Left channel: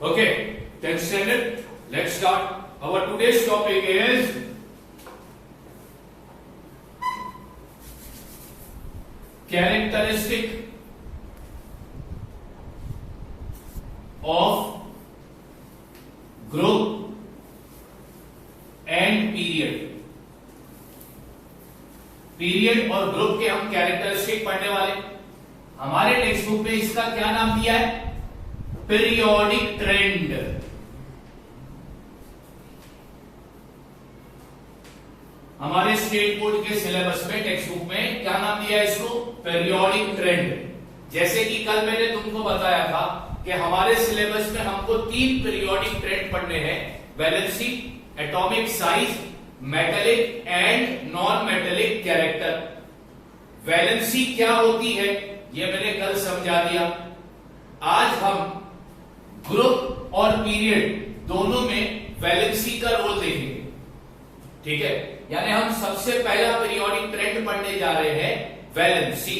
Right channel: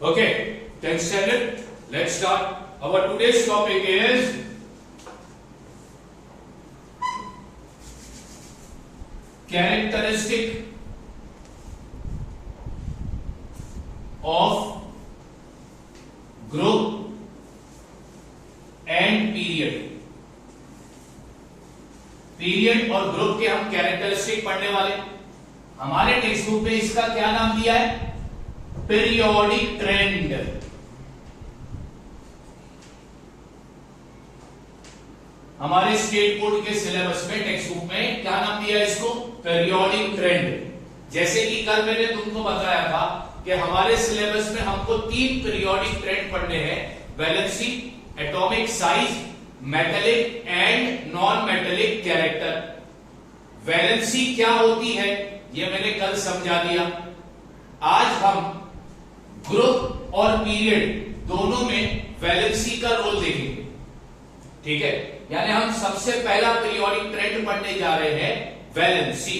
Okay, 10th standard. Let's start. Our today's topic is characteristic of group and period. Period और group के हम characteristic पढ़ने वाले। हमारे टेक्स्ट बुक में इसका क्या नाम दिया है? Periodic trend. हमारे स्टेट बोर्ड के सिलेबस में टेक्स्ट बुक में क्या नाम दिया है इसको? Periodic trend. जैसे कि कल मैंने तुमको बताया था कि हमारे सिलेबस में हमको 3 पीरियोडिक ट्रेंड पढ़ने हैं, valency, atomic size, metallic and non metallic character. Valency क्या होती है ये मैंने कल समझा दिया। आज हम ग्रुप और पीरियड दोनों में वैलेंसी का रोल देखेंगे। ठीक है, यानी हम सबसे पहला पीरियोडिक ट्रेंड पढ़ने जा रहे हैं, वैलेंसी।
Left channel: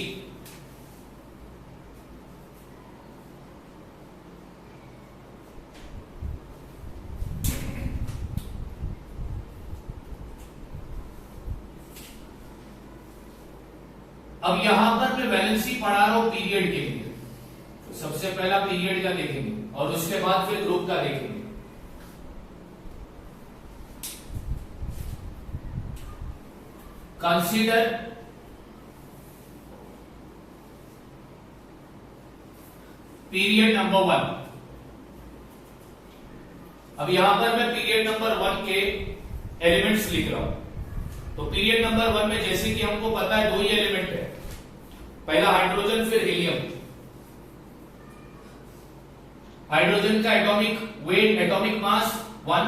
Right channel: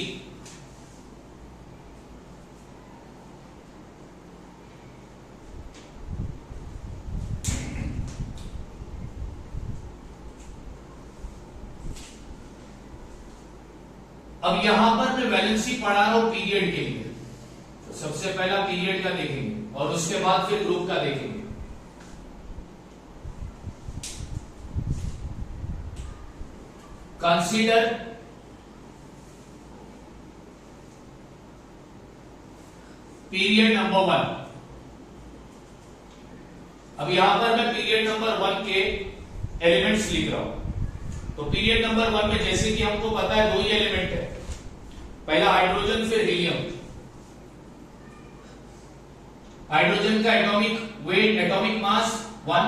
अब यहां पर मैं वैलेंसी पढ़ा रहा हूं पीरियड के लिए, तो सबसे पहला पीरियड का देखेंगे और उसके बाद फिर ग्रुप का देखेंगे। Consider period number 1। अब यहां पर मैं पीरियड नंबर 1 के एलिमेंट्स लिख रहा हूं। तो पीरियड नंबर 1 में जैसे कि हमको पता है 2 ही एलिमेंट है, पहला हाइड्रोजन फिर हीलियम। हाइड्रोजन का एटॉमिक वेट, एटॉमिक मास 1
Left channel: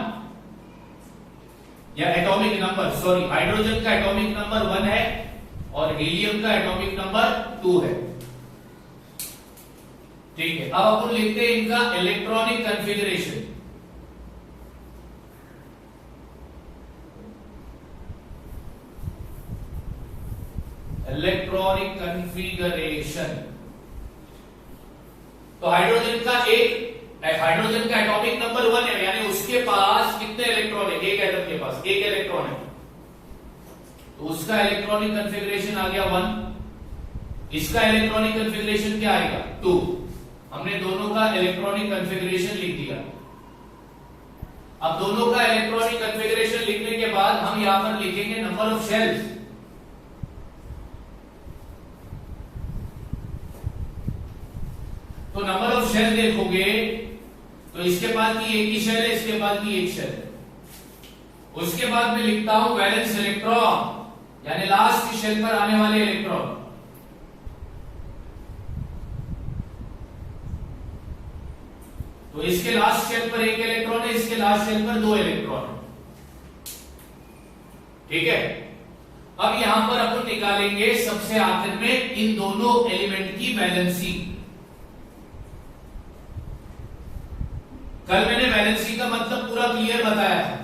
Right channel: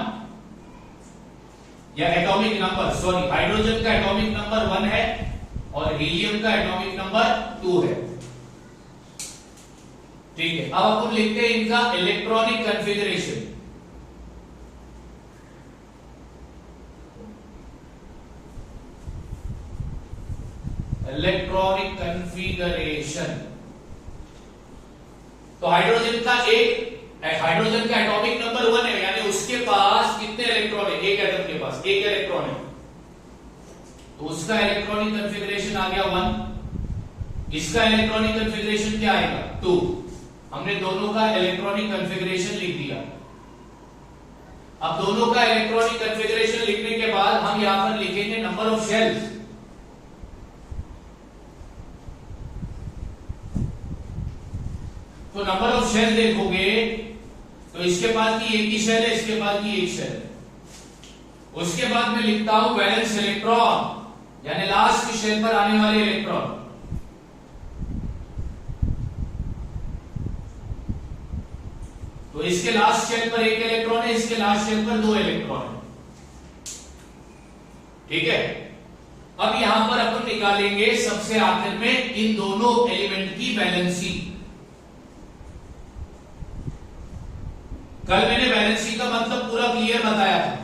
या एटॉमिक नंबर, सॉरी, हाइड्रोजन का एटॉमिक नंबर 1 है और हीलियम का एटॉमिक नंबर 2 है। ठीक है, अब अपन लिखते हैं इनका इलेक्ट्रॉनिक कॉन्फ़िगरेशन। Electronic configuration. तो हाइड्रोजन का एटॉमिक नंबर 1 है, यानी उसके पास कितने इलेक्ट्रॉन है? एक एटम के पास 1 इलेक्ट्रॉन है, तो उसका इलेक्ट्रॉनिक कॉन्फ़िगरेशन आ गया 1। इसका इलेक्ट्रॉनिक कॉन्फ़िगरेशन क्या आएगा? 2। हमने दोनों का इलेक्ट्रॉनिक कॉन्फ़िगरेशन लिख दिया। अब दोनों का इलेक्ट्रॉनिक कॉन्फ़िगरेशन लिखने के बाद हम यहां पर लिखेंगे नंबर ऑफ शेल्स। तो नंबर ऑफ शेल देखोगे तो इसके बाद की एक ही शेल है, इसके बाद की एक शेल है। उसके बाद में लिखता हूं वैलेंस इलेक्ट्रॉन, यानी लास्ट की शेल पर आने वाले इलेक्ट्रॉन। तो इसके लास्ट शेल पर 1 इलेक्ट्रॉन है, इसके लास्ट शेल पर 2 इलेक्ट्रॉन है। ठीक है, अब यहां पर अपन निकालेंगे सबसे आखिर में इन दोनों एलिमेंट की वैलेंसी। कल मैंने वैलेंसी का मतलब पूरा क्लियर बताया था।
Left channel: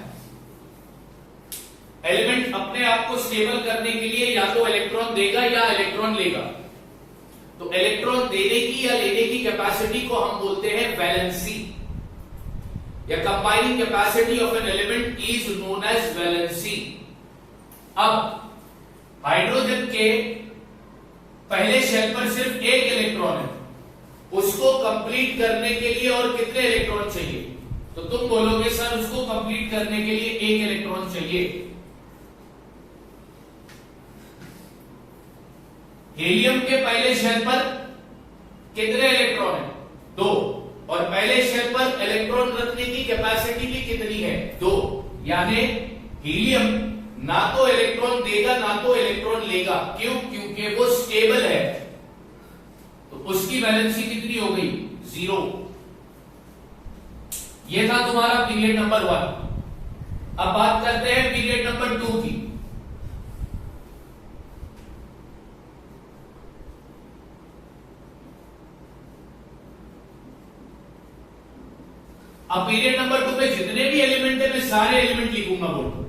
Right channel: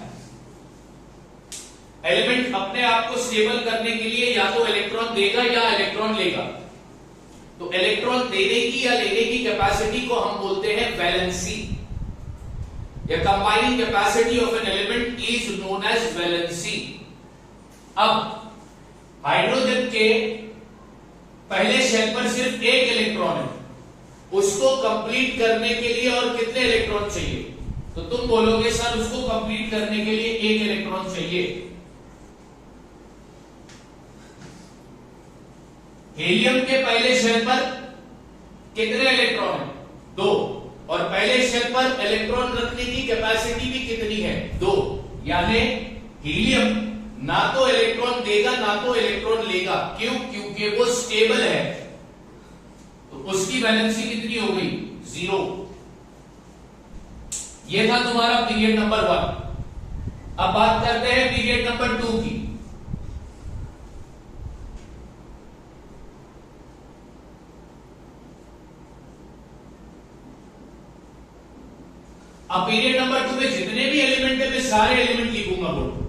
एलिमेंट अपने आप को स्टेबल करने के लिए या तो इलेक्ट्रॉन देगा या इलेक्ट्रॉन लेगा। तो इलेक्ट्रॉन देने की या लेने की कैपेसिटी को हम बोलते हैं वैलेंसी, या combining capacity of an element is known as valency. अब हाइड्रोजन के पहले शेल पर सिर्फ 1 इलेक्ट्रॉन है, उसको कंप्लीट करने के लिए और कितने इलेक्ट्रॉन चाहिए? तो तुम बोलोगे सर उसको कंप्लीट करने के लिए 1 इलेक्ट्रॉन चाहिए। हीलियम के पहले शेल पर कितने इलेक्ट्रॉन है? 2। और पहले शेल पर इलेक्ट्रॉन रखने की कैपेसिटी भी कितनी है? 2। यानी हीलियम ना तो इलेक्ट्रॉन देगा ना तो इलेक्ट्रॉन लेगा। क्यों? क्योंकि वो स्टेबल है, तो उसकी वैलेंसी कितनी हो गई? 0। ये था तुम्हारा पीरियड नंबर 1। अब बात करते हैं पीरियड नंबर 2 की। अब पीरियड नंबर 2 में जितने भी एलिमेंट है मैं सारे एलिमेंट लिखूंगा बोलो।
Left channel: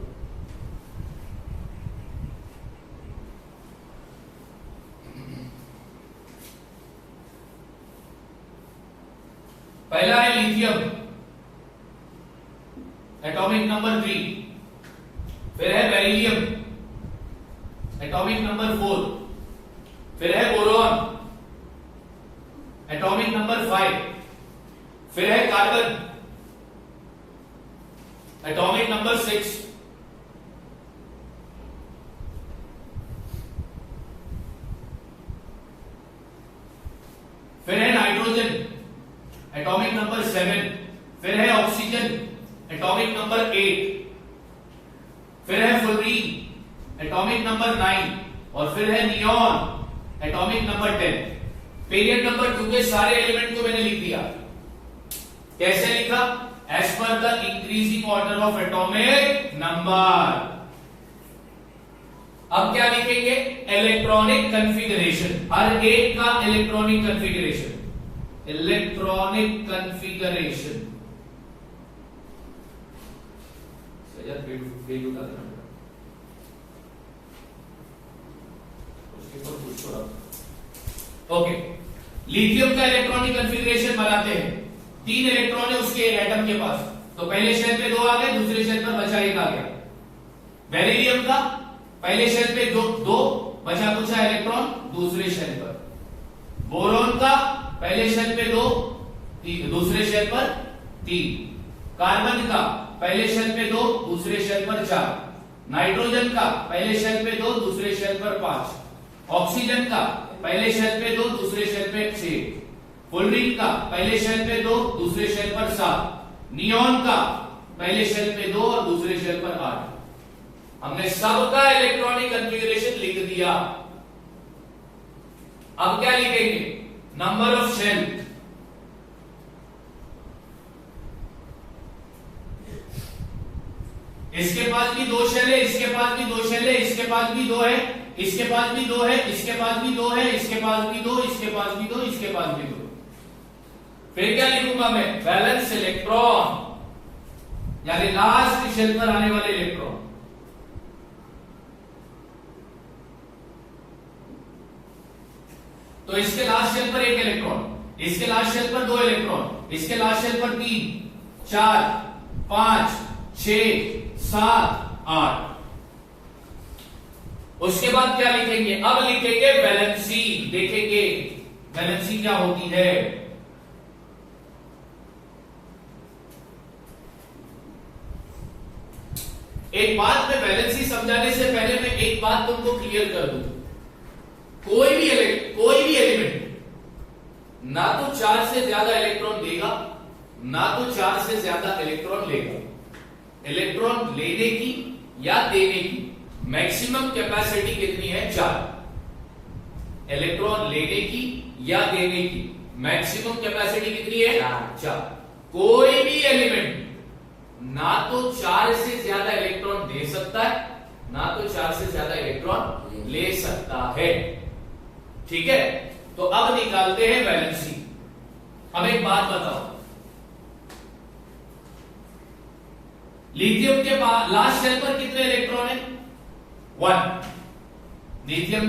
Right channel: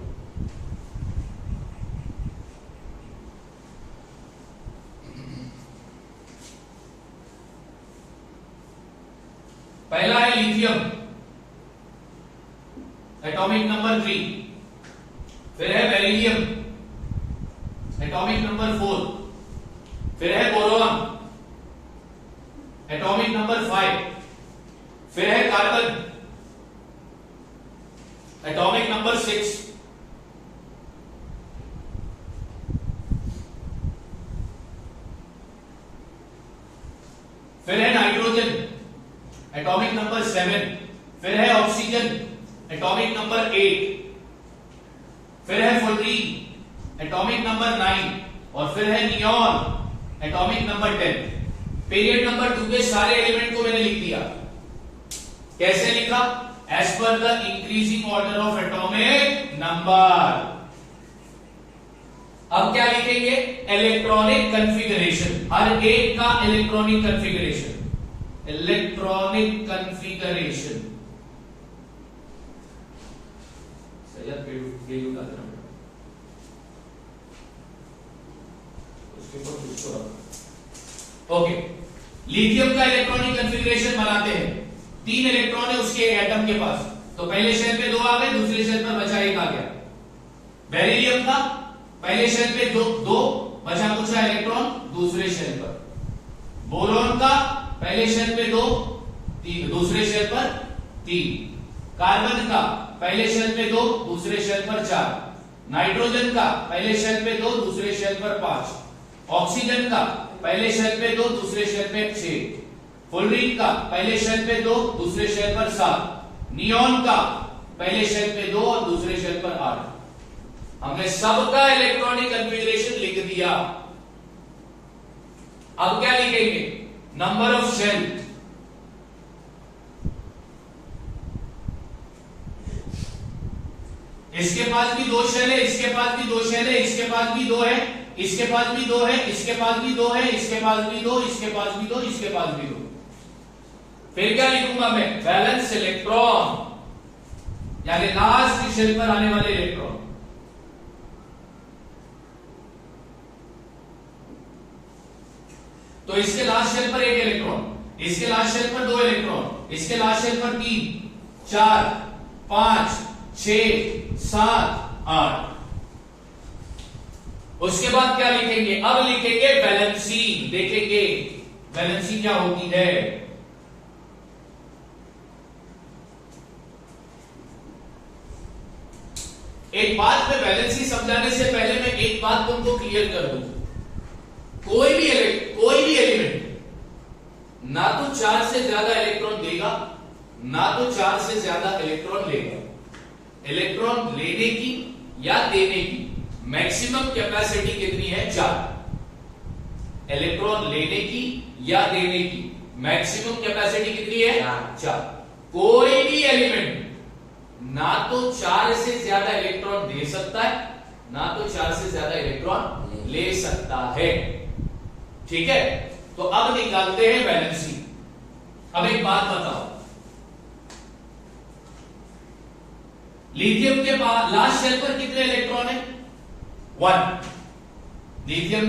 पहला है लिथियम, एटॉमिक नंबर 3, फिर है बेरिलियम, एटॉमिक नंबर 4, फिर है बोरॉन, एटॉमिक नंबर 5, फिर है कार्बन, एटॉमिक नंबर 6, फिर है नाइट्रोजन, एटॉमिक नंबर 7, फिर है ऑक्सीजन, एटॉमिक नंबर 8, फिर है फ्लोरीन, एटॉमिक नंबर 9, और फिर है neon, atomic number 10। Period number 2 के सारे एलिमेंट को मैंने लिख दिया। कैसे लिखा? As per the increasing order of atomic number. अब क्या लिखेंगे? इलेक्ट्रॉनिक कन्फिगरेशन, हर एक का electronic configuration, electronic configuration. Okay, lithium का इलेक्ट्रॉनिक कन्फिगरेशन बनाते हैं। 3 इलेक्ट्रॉन है उसके एटम के पास, तो पहले शेल पे 2 आ गए, दूसरे शेल पर बचा 1 आ गया। बेरिलियम का पहले शेल पे 2 बचा कुचा इलेक्ट्रॉन दूसरे शेल पर। बोरॉन का पहले शेल पे 2, दूसरे शेल पर 3। कार्बन का पहले शेल पे 2, दूसरे शेल पर 4। नाइट्रोजन का पहले शेल पे 2, दूसरे शेल पर 5। ऑक्सीजन का पहले शेल पे 2, दूसरे शेल पे 6। फ्लोरीन का पहले शेल पे 2, दूसरे शेल पर 7। नियॉन का पहले शेल पे 2 और दूसरे शेल पर 8। हमने सबका इलेक्ट्रॉनिक कन्फिगरेशन लिख दिया। अब क्या लिखेंगे? Number of shell. इसके पास भी 2 शेल है, इसके पास भी 2 शेल है, इसके पास भी 2 है, इसके पास भी 2 है, इसके पास भी 2 है, इसके पास भी 2, इसके पास भी 2, इसके पास भी 2। फिर क्या लिखूंगा मैं? बैलेंस इलेक्ट्रॉन, यानी लास्ट शेल पर आने वाले इलेक्ट्रॉन। तो इसके लास्ट शेल पर 1 इलेक्ट्रॉन, इसके लास्ट शेल पर 2 इलेक्ट्रॉन, इसके लास्ट शेल पर 3, 4, 5, 6, 7, 8। उसके बाद क्या लिखेंगे? अब लिखेंगे वैलेंसी। देखेंगे वैलेंसी क्या होती है। एक बात में वैलेंसी समझाने से पहले मैं एक बात तुमको क्लियर कर दूं। कोई भी एलिमेंट ना तो 4 से ज्यादा इलेक्ट्रॉन देगा, ना तो 4 से ज्यादा इलेक्ट्रॉन लेगा। इलेक्ट्रॉन लेने की या देने की मैक्सिमम कैपेसिटी कितनी है? 4। इलेक्ट्रॉन लेने की या देने की मैक्सिमम कैपेसिटी कितनी है? 4। कोई भी एलिमेंट ना तो 4 से ज्यादा इलेक्ट्रॉन दे सकता है, ना तो 4 से ज्यादा इलेक्ट्रॉन ले सकता है। ठीक है, तो अब निकालते हैं वैलेंसी। अब एक बात बताओ, लिथियम के लास्ट शेल पर कितने इलेक्ट्रॉन है? 1। लिथियम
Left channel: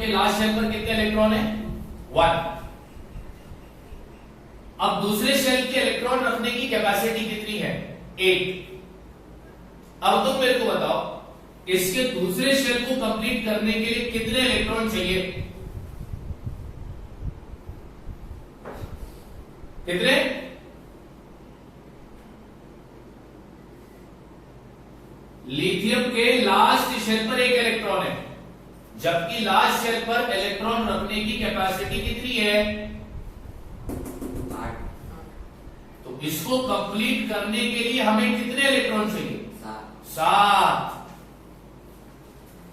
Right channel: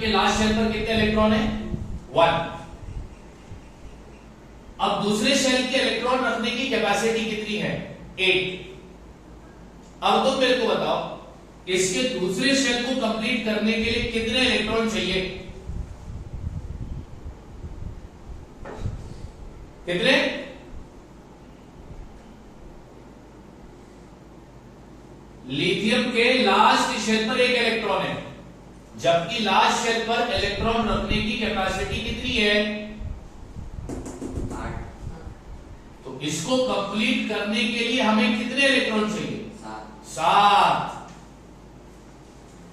के लास्ट शेल पर कितने इलेक्ट्रॉन है? 1। अब दूसरे शेल के इलेक्ट्रॉन रखने की कैपेसिटी कितनी है? 8। अब तुम मेरे को बताओ, इसके दूसरे शेल को कंप्लीट करने के लिए कितने इलेक्ट्रॉन चाहिए? कितने? लिथियम के लास्ट शेल पर 1 इलेक्ट्रॉन है, जबकि लास्ट शेल पर इलेक्ट्रॉन रखने की कैपेसिटी कितनी है? 8। तो इसको कंप्लीट करने के लिए हमें कितने इलेक्ट्रॉन चाहिए? 7।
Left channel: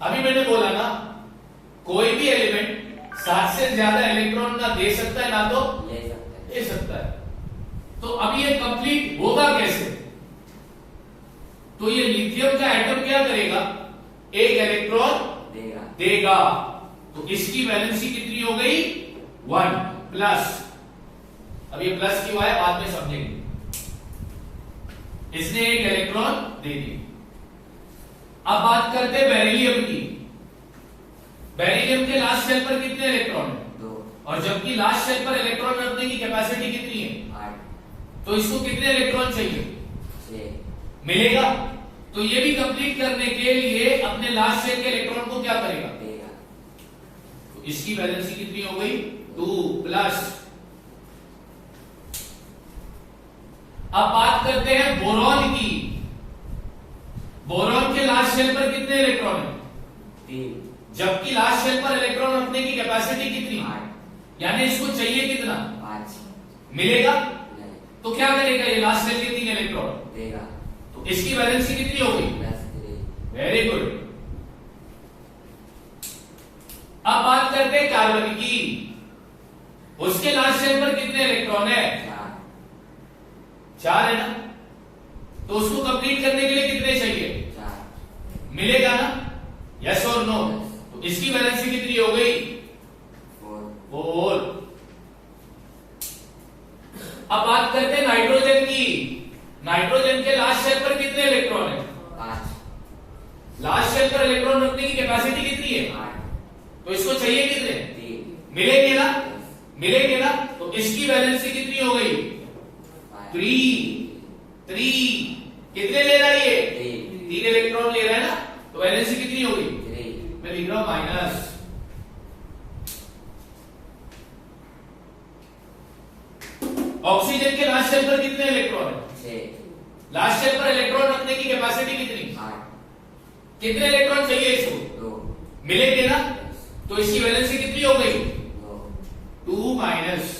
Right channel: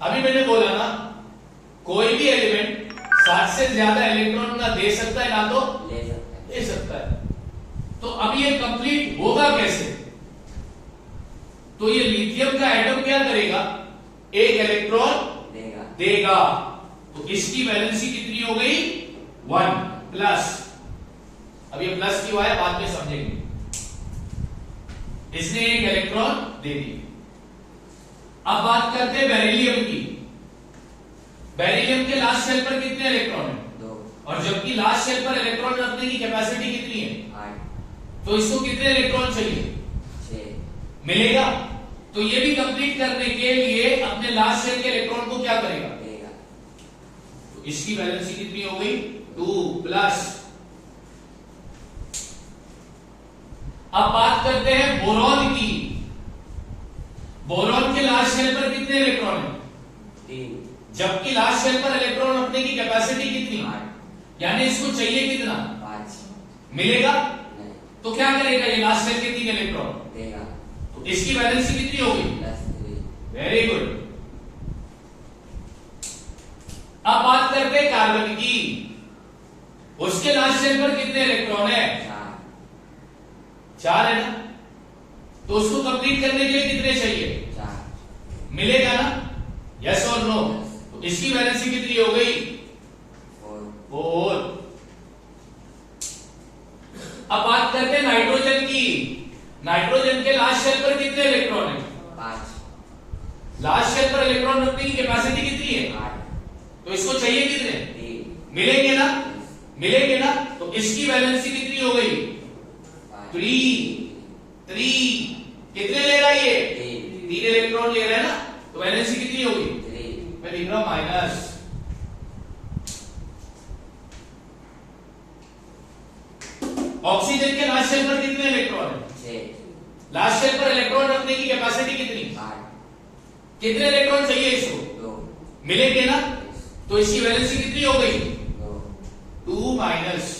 अभी मैंने बोला ना, कोई भी एलिमेंट 7 से ज्यादा इलेक्ट्रॉन ना दे सकता है ना तो ले सकता है। तो अब ये कंप्लीट होगा कैसे? तो ये लिथियम का एटम क्या करेगा? 1 इलेक्ट्रॉन देगा। तो इसकी वैलेंसी कितनी हो गई? 1 प्लस। अब ये प्लस क्यों आया बाद में समझेंगे। इसने 1 इलेक्ट्रॉन दे दी। अब बात करते हैं बेरिलियम की। बेरिलियम के लास्ट शेल पर कितने इलेक्ट्रॉन है? 2। और जबकि लास्ट शेल पर इलेक्ट्रॉन रखने की कैपेसिटी कितनी है? 8। तो इसको कितने इलेक्ट्रॉन चाहिए? 6। मिलेगा। तो ये भी कंप्लीट करने के लिए अपने लास्ट शेल के इलेक्ट्रॉन को क्या करेगा, तो इसकी वैलेंसी कितनी हो गई 2 प्लस। अब बात करते हैं बोरॉन की। बोरॉन के लास्ट शेल पर कितने इलेक्ट्रॉन है 3, जबकि लास्ट शेल पर इलेक्ट्रॉन रखने की कैपेसिटी कितनी, 8, यानी इसको चाहिए कितना 5, मिलेगा। नहीं, तो क्या करेगा ये लास्ट शेल के 3 इलेक्ट्रॉन, देगा, तो इसकी वैलेंसी कितनी हो गई, +3, वेरी गुड। अब बात करते हैं कार्बन की। उसके लास्ट शेल पर कितने इलेक्ट्रॉन है 4 है ना, तो उसको कंप्लीट करने के लिए कितने चाहिए 4, मिलेगा ना, यस और नो। तो इसकी वैलेंसी कितनी हो गई 4। अब बात करते हैं नाइट्रोजन की। नाइट्रोजन के लास्ट शेल पर कितने इलेक्ट्रॉन है 5, लास्ट शेल पर इलेक्ट्रॉन रखने की कैपेसिटी कितनी है, 8, तो इसको चाहिए कितने 3, मिलेंगे ना, मिलेंगे ना। तो इसकी वैलेंसी कितनी हो गई 3 कितने ले रहा है ये 3 इलेक्ट्रॉन ले रहा है ना, तो वैलेंसी कितनी हो गई, 3, मैं लिख रहा हूं माइनस। ऑक्सीजन के लास्ट शेल पर कितने इलेक्ट्रॉन है, 6, लास्ट शेल पर इलेक्ट्रॉन रखने की कैपेसिटी कितनी, 8, कितने इलेक्ट्रॉन चाहिए इसको 2, मिलेंगे ना, तो इसकी वैलेंसी कितनी हो गई 2, 2 माइनस।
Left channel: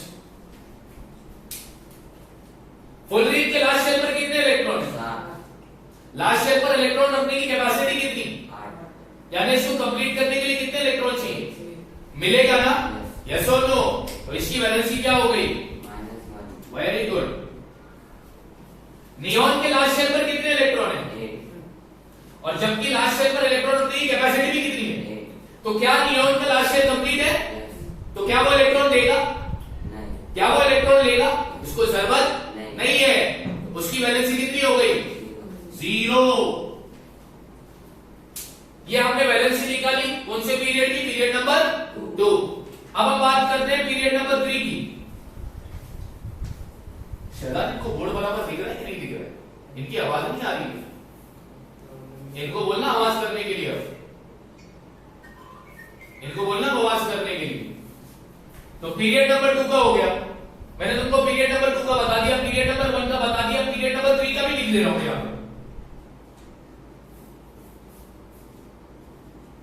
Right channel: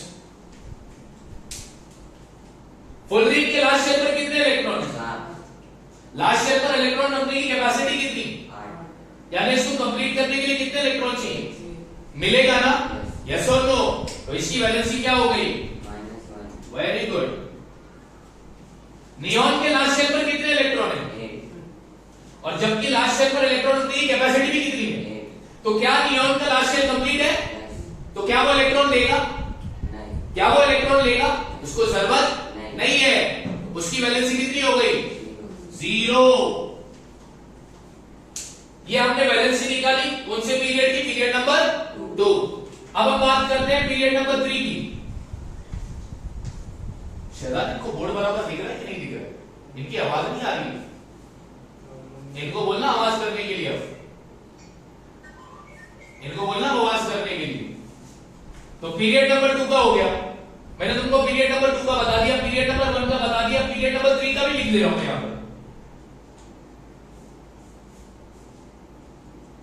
फुलरीन के लास्ट शेल पर कितने इलेक्ट्रॉन है, 7, लास्ट शेल पर इलेक्ट्रॉन रखने की कैपेसिटी कितनी, 8, यानी इसको कंप्लीट करने के लिए कितने इलेक्ट्रॉन चाहिए, मिलेगा ना, यस और नो। तो इसकी वैलेंसी क्या हो गई, -1, वेरी गुड। नियॉन के लास्ट शेल पर कितने इलेक्ट्रॉन है, 8, और जबकि लास्ट शेल पर इलेक्ट्रॉन रखने की कैपेसिटी भी कितनी है, 8, तो क्या नियॉन का लास्ट शेल कंप्लीट है, yes, तो क्या वो इलेक्ट्रॉन देगा, नहीं, क्या वो इलेक्ट्रॉन लेगा, उसको जरूरत नहीं। नहीं है। उसकी वैलेंसी कितनी हो गई 0, 0। ये हमने वैलेंसी निकाली कौन से पीरियड की, पीरियड नंबर 2। अब हम बात करते हैं पीरियड नंबर 3 की। शहजाद इनको बोर्ड बराबर दिख रहा है कि नहीं दिख रहा है, इनकी आवाज नहीं आ रही है, इनको बोलना आवाज करने के लिए, इनको बोलना आवाज करने के लिए। तो पीरियड नंबर 2 का हो गया, मैंने तुमको पीरियड नंबर 2 का बता दिया, पीरियड नंबर 1 का बता दिया, पीरियड नंबर 3 का भी लिख दे रहा हूं यहां पर।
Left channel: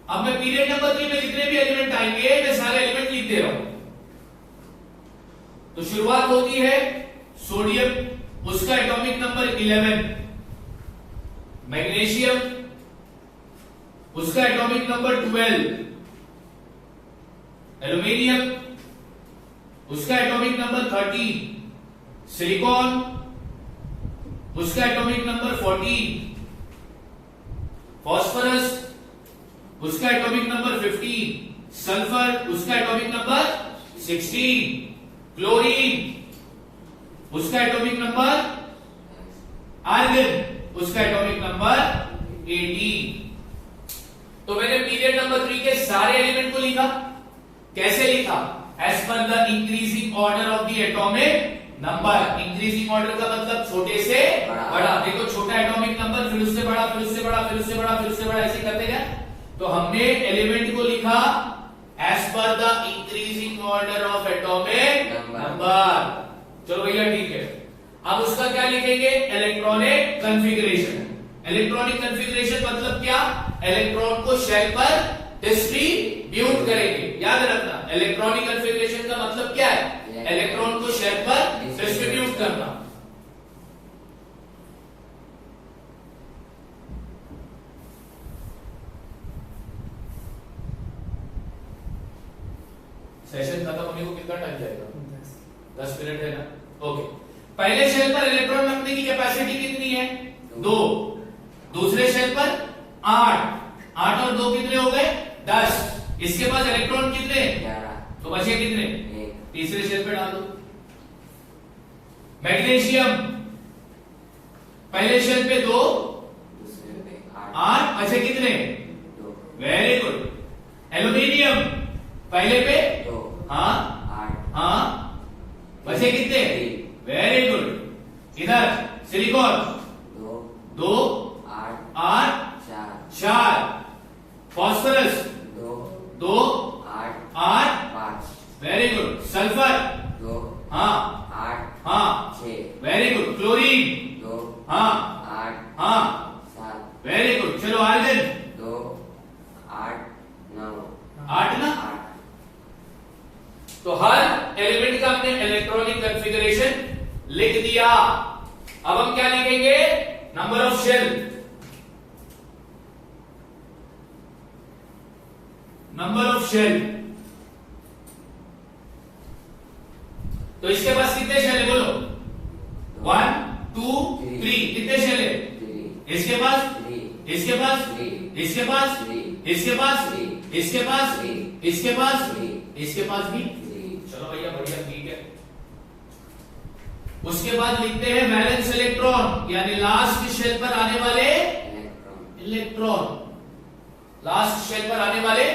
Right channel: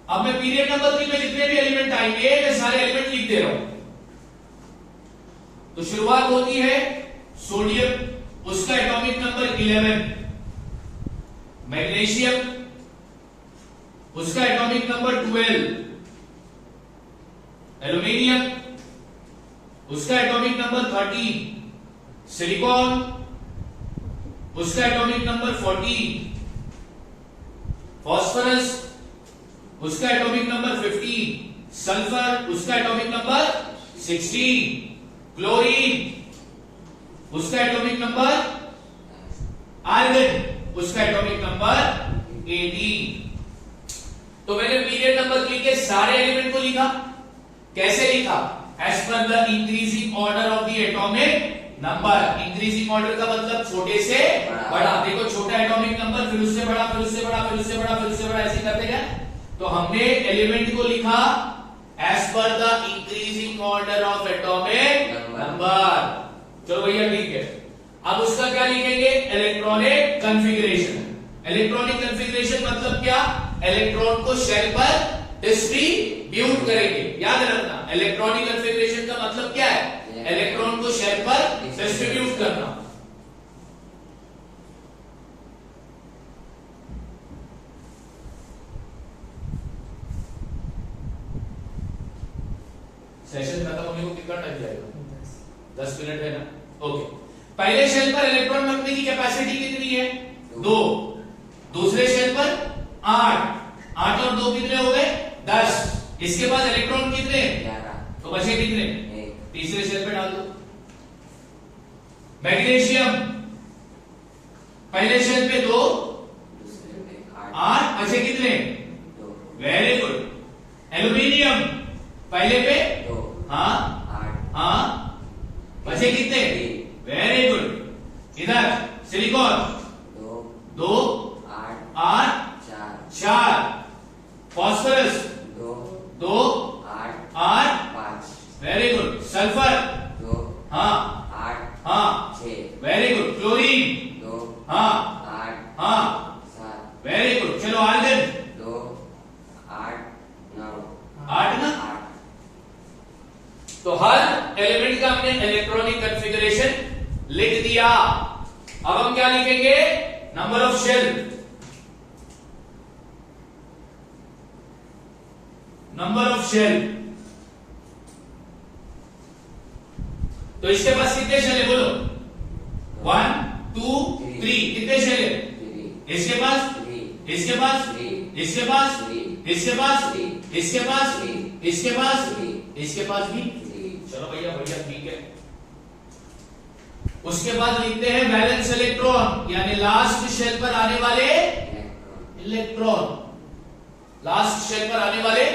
अब मैं पीरियड नंबर 3 में जितने भी एलिमेंट आएंगे मैं सारे एलिमेंट लिख दे रहा हूं। तो शुरुआत होती है सोडियम, उसका एटॉमिक नंबर 11, मैग्नीशियम उसका एटॉमिक नंबर 12, एल्यूमिनियम उसका एटॉमिक नंबर 13, सिलिकॉन उसका एटॉमिक नंबर 14, फास्फोरस उसका एटॉमिक नंबर 15, सल्फर उसका एटॉमिक नंबर 16, क्लोरीन उसका एटॉमिक नंबर, आर्गन उसका एटॉमिक नंबर 18। तो मैंने पीरियड नंबर 3 के सारे एलिमेंट को लिखा, कैसे लिखा, as per the increasing order of the atomic number. Increasing order का मतलब छोटे से बड़ा। देखो छोटा एटॉमिक नंबर, फिर उससे बड़ा, फिर उससे बड़ा, फिर उससे बड़ा, फिर उससे बड़ा, ऐसे करते गए। तो हमने एलिमेंट को लिखा as per the increasing order of atomic number. चलो भैया ठीक है। अब उसका क्या लिखेंगे, इलेक्ट्रॉनिक कॉन्फ़िगरेशन। इलेक्ट्रॉनिक कॉन्फ़िगरेशन मतलब क्या, इलेक्ट्रॉन को शेल पर डिस्ट्रीब्यूट करेंगे। याद रखना इलेक्ट्रॉनिक कॉन्फ़िगरेशन का मतलब क्या है, इलेक्ट्रॉन को शेल पर डिस्ट्रीब्यूट करना। सेशन खत्म होने को कितना टाइम जाएगा, 10 मिनट है ना। ओके, पहले शेल पर इलेक्ट्रॉन रखने की कैपेसिटी कितनी है 2, दूसरे शेल पर 8 और 2 कितने हो गए 10। इसके पास इलेक्ट्रॉन कितने, तो बचे कितने, तीसरे शेल पे डाल दो। मैग्नीशियम पहले शेल पे 2, 8 बचे कितने, वेरी गुड। एल्यूमिनियम पहले पे, हाँ 8 बचे कितने, वेरी गुड। इधर silicon 2 8 8 4 4 phosphorus 2 2 8 8 5 very good sulphur 2 हाँ 8 हाँ 6 वेरी गुड क्लोरीन 2 हाँ 8 हाँ 7 वेरी गुड चलो आर्गन 2 8 9 8 ना 8 तो हर एलिमेंट का हमने इलेक्ट्रॉनिक कॉन्फ़िगरेशन लिख दिया। अब हम क्या लिखेंगे? Number of shell. Number of shell. तो इसके पास कितने शेल है बोलो? 1 2 3 कितने शेल है? 3 इसके पास 3 इसके पास 3 इसके पास 3 इसके पास 3 इसके पास 3 इसके पास 3 इसके पास भी। 3 चलो भैया बढ़िया ठीक है। उसके बाद लिखते हैं वैलेंस इलेक्ट्रॉन यानी लास्ट शेल पर आने वाले इलेक्ट्रॉन इलेक्ट्रॉन। लास्ट शेल पर आने वाले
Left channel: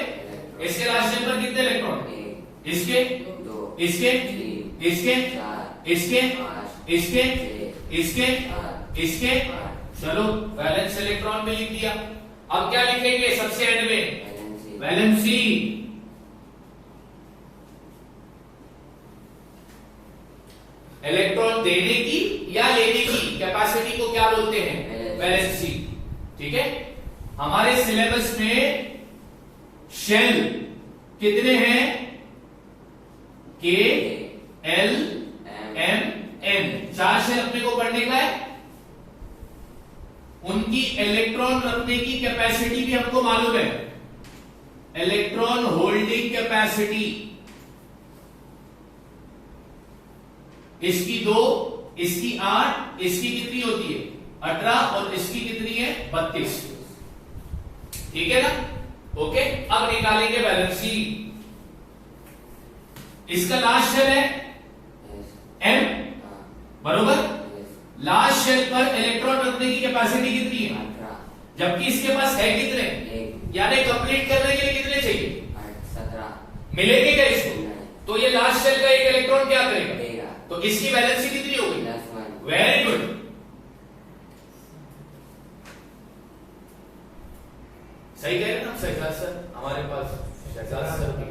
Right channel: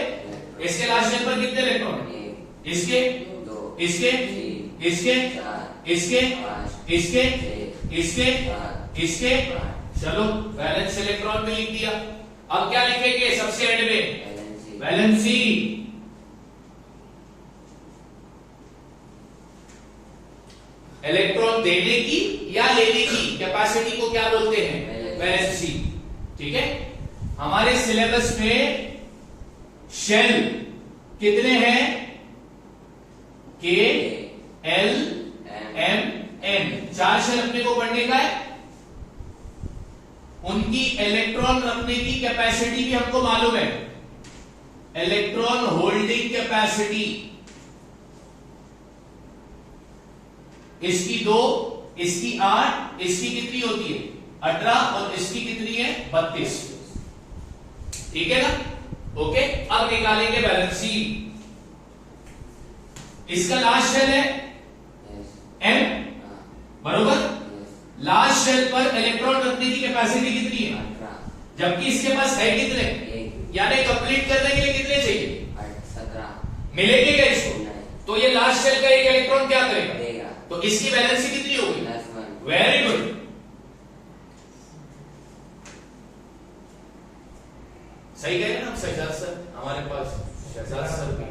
इसके लास्ट शेल पर कितने इलेक्ट्रॉन है? 1 इसके 2 इसके 3 इसके 4 इसके 5 इसके 6 इसके 7 इसके 8 चलो वैलेंस इलेक्ट्रॉन में लिख दिया। अब क्या लिखेंगे सबसे एंड में? Valency valency. इलेक्ट्रॉन देने की या लेने की कैपेसिटी को क्या बोलते हैं? वैलेंसी। ठीक है। हमारे सिलेबस में शेल कितने हैं? के एल एम एन 4 शेल अपने को पढ़ने का है। उनकी इलेक्ट्रॉन रखने की कैपेसिटी भी हमको मालूम है। इलेक्ट्रॉन होल्डिंग कैपेसिटी इसकी 2 इसकी 8 इसकी कितनी होती है? 18 और इसकी कितनी है? 32। ठीक है ना? ओके। अब निकालेंगे वैलेंसी। इसका लास्ट शेल है एम बरोबर। लास्ट शेल पर इलेक्ट्रॉन रखने की कैपेसिटी कितनी है? 18 जबकि इसके पास है कितने? 1 यानी कंप्लीट करने के लिए कितने चाहिए? 17 मिलेंगे क्या इसको? नहीं तो ये लास्ट शेल का एक इलेक्ट्रॉन क्या करेगा? देगा तो इसकी वैलेंसी कितनी होगी? +1 वेरी गुड। सही कह रहे हैं ना शहजाद सर? हमारे पास शहजाद सर भी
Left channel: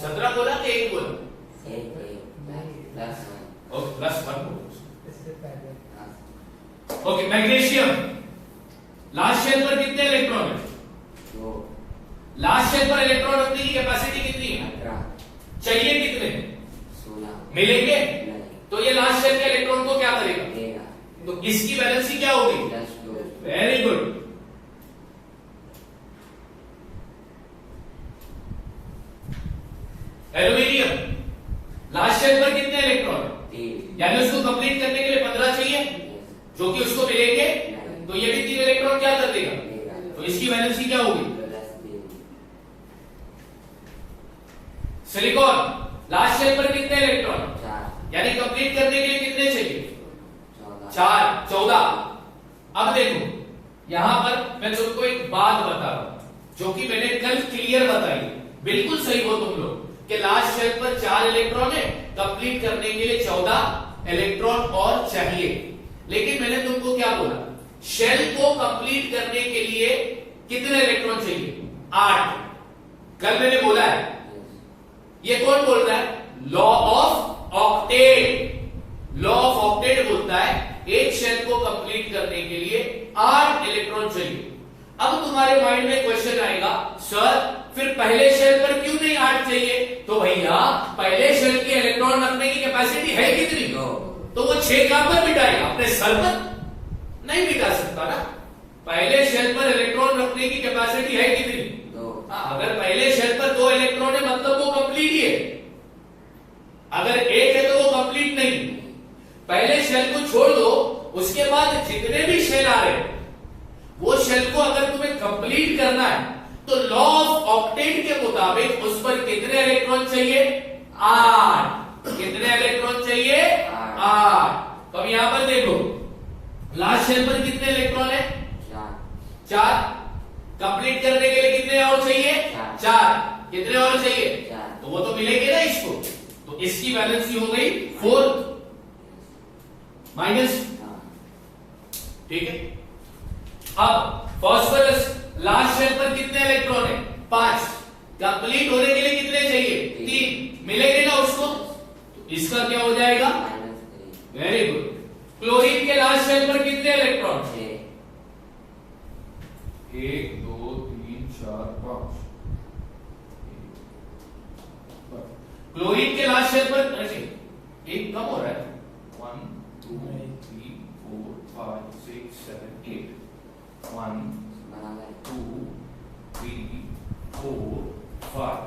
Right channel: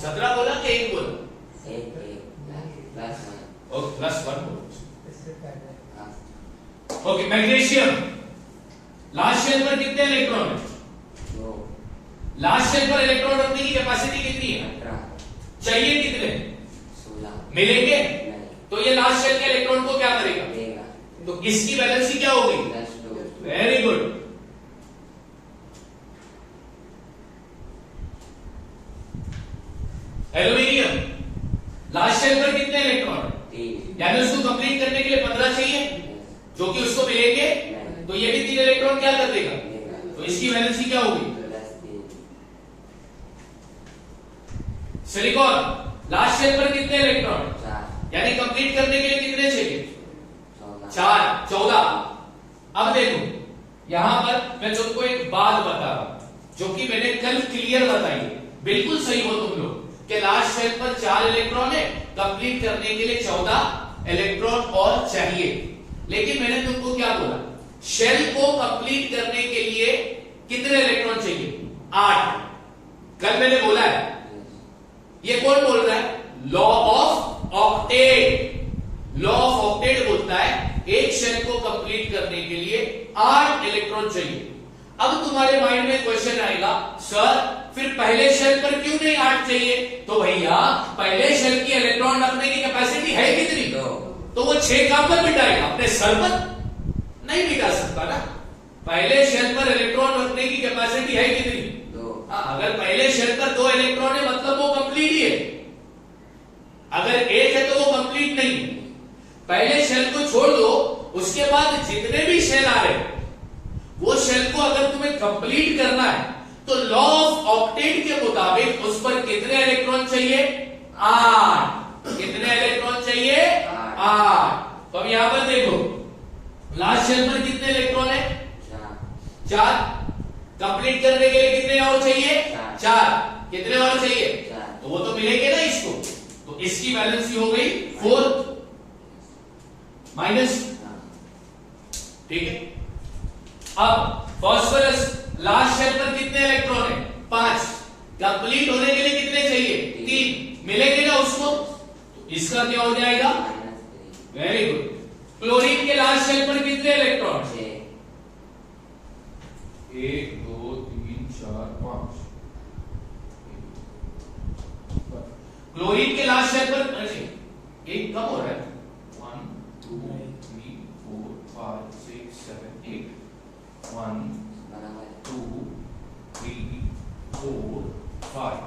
17 बोला कि 1 बोला? 1 +1 ओके +1 बोलो। ओके मैग्नीशियम लास्ट शेल पर कितने इलेक्ट्रॉन है? 2 लास्ट शेल पर इलेक्ट्रॉन रखने की कैपेसिटी कितनी है? 18 चाहिए कितने? 16 मिलेंगे? नहीं तो ये लास्ट शेल के इलेक्ट्रॉन को क्या करेगा? देगा तो इसकी वैलेंसी क्या होगी? +2 very good. Aluminium last shell पर कितने इलेक्ट्रॉन है? 3 यानी उसको कंप्लीट करने के लिए 15 चाहिए जो कि उसको मिलेंगे। तो ये भी 3 इलेक्ट्रॉन क्या कर देगा? देगा तो इसकी वैलेंसी क्या होगी? +3 सिलिकॉन लास्ट शेल पर कितने इलेक्ट्रॉन? 4 यानी कंप्लीट करने के लिए कितने चाहिए? 14 4 14। अब देखो यहां पर मैं तुमको एक बात बता रहा हूं जो कि मैंने कल क्लियर बताई। बिल्कुल सही हो तुम लोग कि लास्ट शेल पर 4 इलेक्ट्रॉन है, कंप्लीट करने के लिए 14 इलेक्ट्रॉन और चाहिए। लेकिन मैंने तुमको क्या बोला? शेल को कंप्लीट करने के लिए कितने इलेक्ट्रॉन चाहिए? 8। कल मैंने बोला है। ये कौन बोल रहा है? Law of octet. Law of octet बोलता है एक शेल को कंप्लीट करने के लिए 8 इलेक्ट्रॉन चाहिए। अब तुम्हारे माइंड में क्वेश्चन आएगा, सर फिर पहले शेल पर क्यों नहीं 8 चाहिए? तो भैया पहले शेल की इलेक्ट्रॉन रखने की कैपेसिटी है कितनी? 2 तो वो 6 कहां पर बिठाएगा? अपने सर पर नहीं बिठा सकता ना। पहले शेल पर इलेक्ट्रॉन रखने की कैपेसिटी है कितनी? 2 अगर पहले शेल पर 2 इलेक्ट्रॉन है मतलब वो कंप्लीट ही है। अगर 1 है तो वो कंप्लीट नहीं। पहले शेल को छोड़ दो, उसके बाद जितने भी शेल आ रहे वो शेल को अगर तुम्हें कंप्लीट करना है तो लॉ ऑफ ऑक्टेट के मुताबिक उस पर कितने इलेक्ट्रॉन चाहिए? 8। कितने इलेक्ट्रॉन चाहिए? 8। तो अब यहां पर देखो लास्ट शेल पर कितने इलेक्ट्रॉन है? 4। कंप्लीट करने के लिए कितने और चाहिए? 4। कितने और चाहिए? 4 तो वो तो मिलेंगे ना इसको। तो इसकी वैलेंसी हो गई 4 माइनस ठीक है। अब फास्फोरस लास्ट शेल पर कितने इलेक्ट्रॉन है? 5। कंप्लीट होने के लिए कितने चाहिए? 3। मिलेंगे ना उसको, तो इसका क्या हो जाएगा? Very good. क्लोरीन के लास्ट शेल पर कितने इलेक्ट्रॉन? 1 2 3 4 5। क्लोरीन के लास्ट शेल पर एक कम हो रहा है। 1 2 3 4 5 6 7 8 1 2 3 4 5।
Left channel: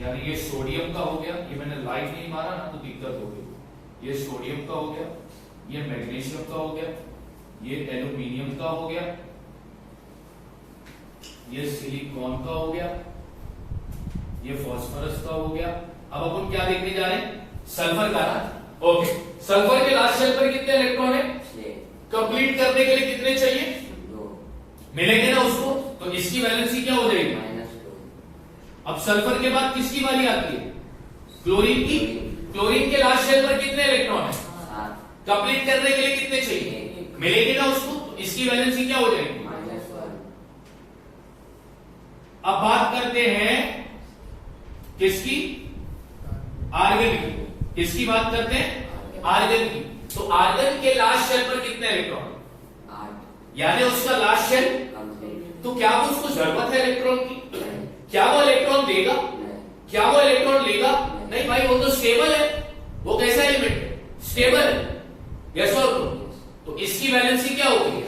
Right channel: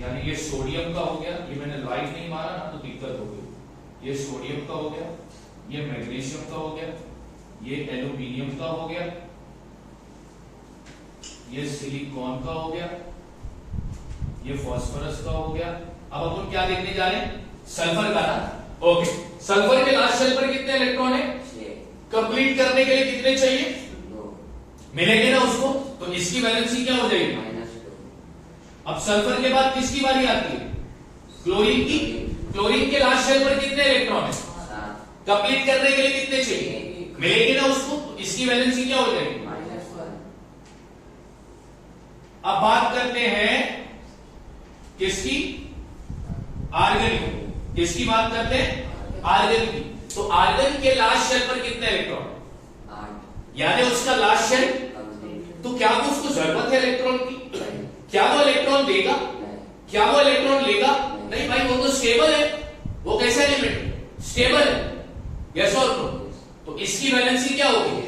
यानी ये सोडियम का हो गया, ये मैंने लाइट नहीं मारा ना तो दिक्कत हो गई। ये सोडियम का हो गया, ये मैग्नीशियम का हो गया, ये एल्यूमिनियम का हो गया, ये सिलिकॉन का हो गया, ये फास्फोरस का हो गया। अब अपन क्या देखने जा रहे हैं? सल्फर का ना। ओके, सल्फर के लास्ट शेल पर कितने इलेक्ट्रॉन है? कंप्लीट करने के लिए कितने चाहिए? 2। मिलेंगे ना उसको, तो इसकी वैलेंसी क्या हो जाएगी? अब सल्फर के बाद किसकी बारी आती है? क्लोरीन की। क्लोरीन के लास्ट शेल पर कितने इलेक्ट्रॉन है? 7। कंप्लीट करने के लिए कितने चाहिए? मिलेंगे ना उसको, तो इसकी वैलेंसी क्या हो जाएगी? -1। अब बात करते हैं किसकी? आर्गन की। किसकी बात करते हैं? आर्गन की। तो आर्गन के लास्ट शेल पर कितने इलेक्ट्रॉन? 8। यानी उसका लास्ट शेल। तो क्या वो उसको जरूरत है इलेक्ट्रॉन की? क्या वो इलेक्ट्रॉन देगा? क्या वो इलेक्ट्रॉन लेगा? नहीं भाई, वो तो स्टेबल है। वो कैसा एलिमेंट है? स्टेबल है। यस और नो? तो इसकी वैलेंसी क्या होगी?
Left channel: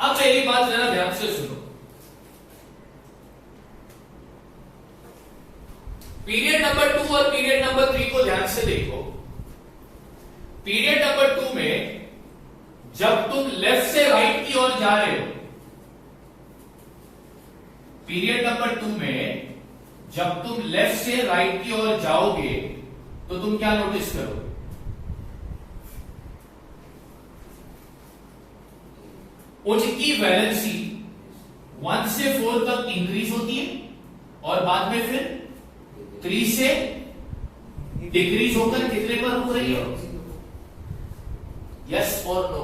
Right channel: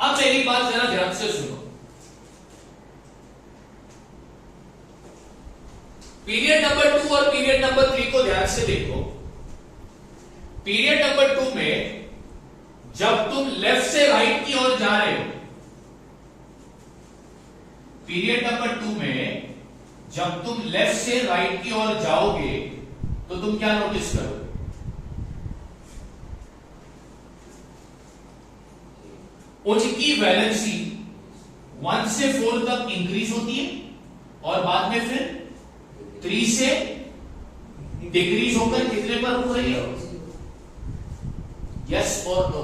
अब मेरी बात जरा ध्यान से सुनो। पीरियड नंबर 2 और पीरियड नंबर 3 को ध्यान से देखो। पीरियड नंबर 2 में जब तुम लेफ्ट से राइट की ओर जा रहे हो, पीरियड नंबर 2 में जब तुम लेफ्ट से राइट की ओर जाओगे तो तुम क्या नोटिस करोगे? उसकी वैलेंसी 1 से 4 तक इंक्रीज होती है और बाद में फिर 3 से डिक्रीज होकर कितने पर हो रही है? यस और नो?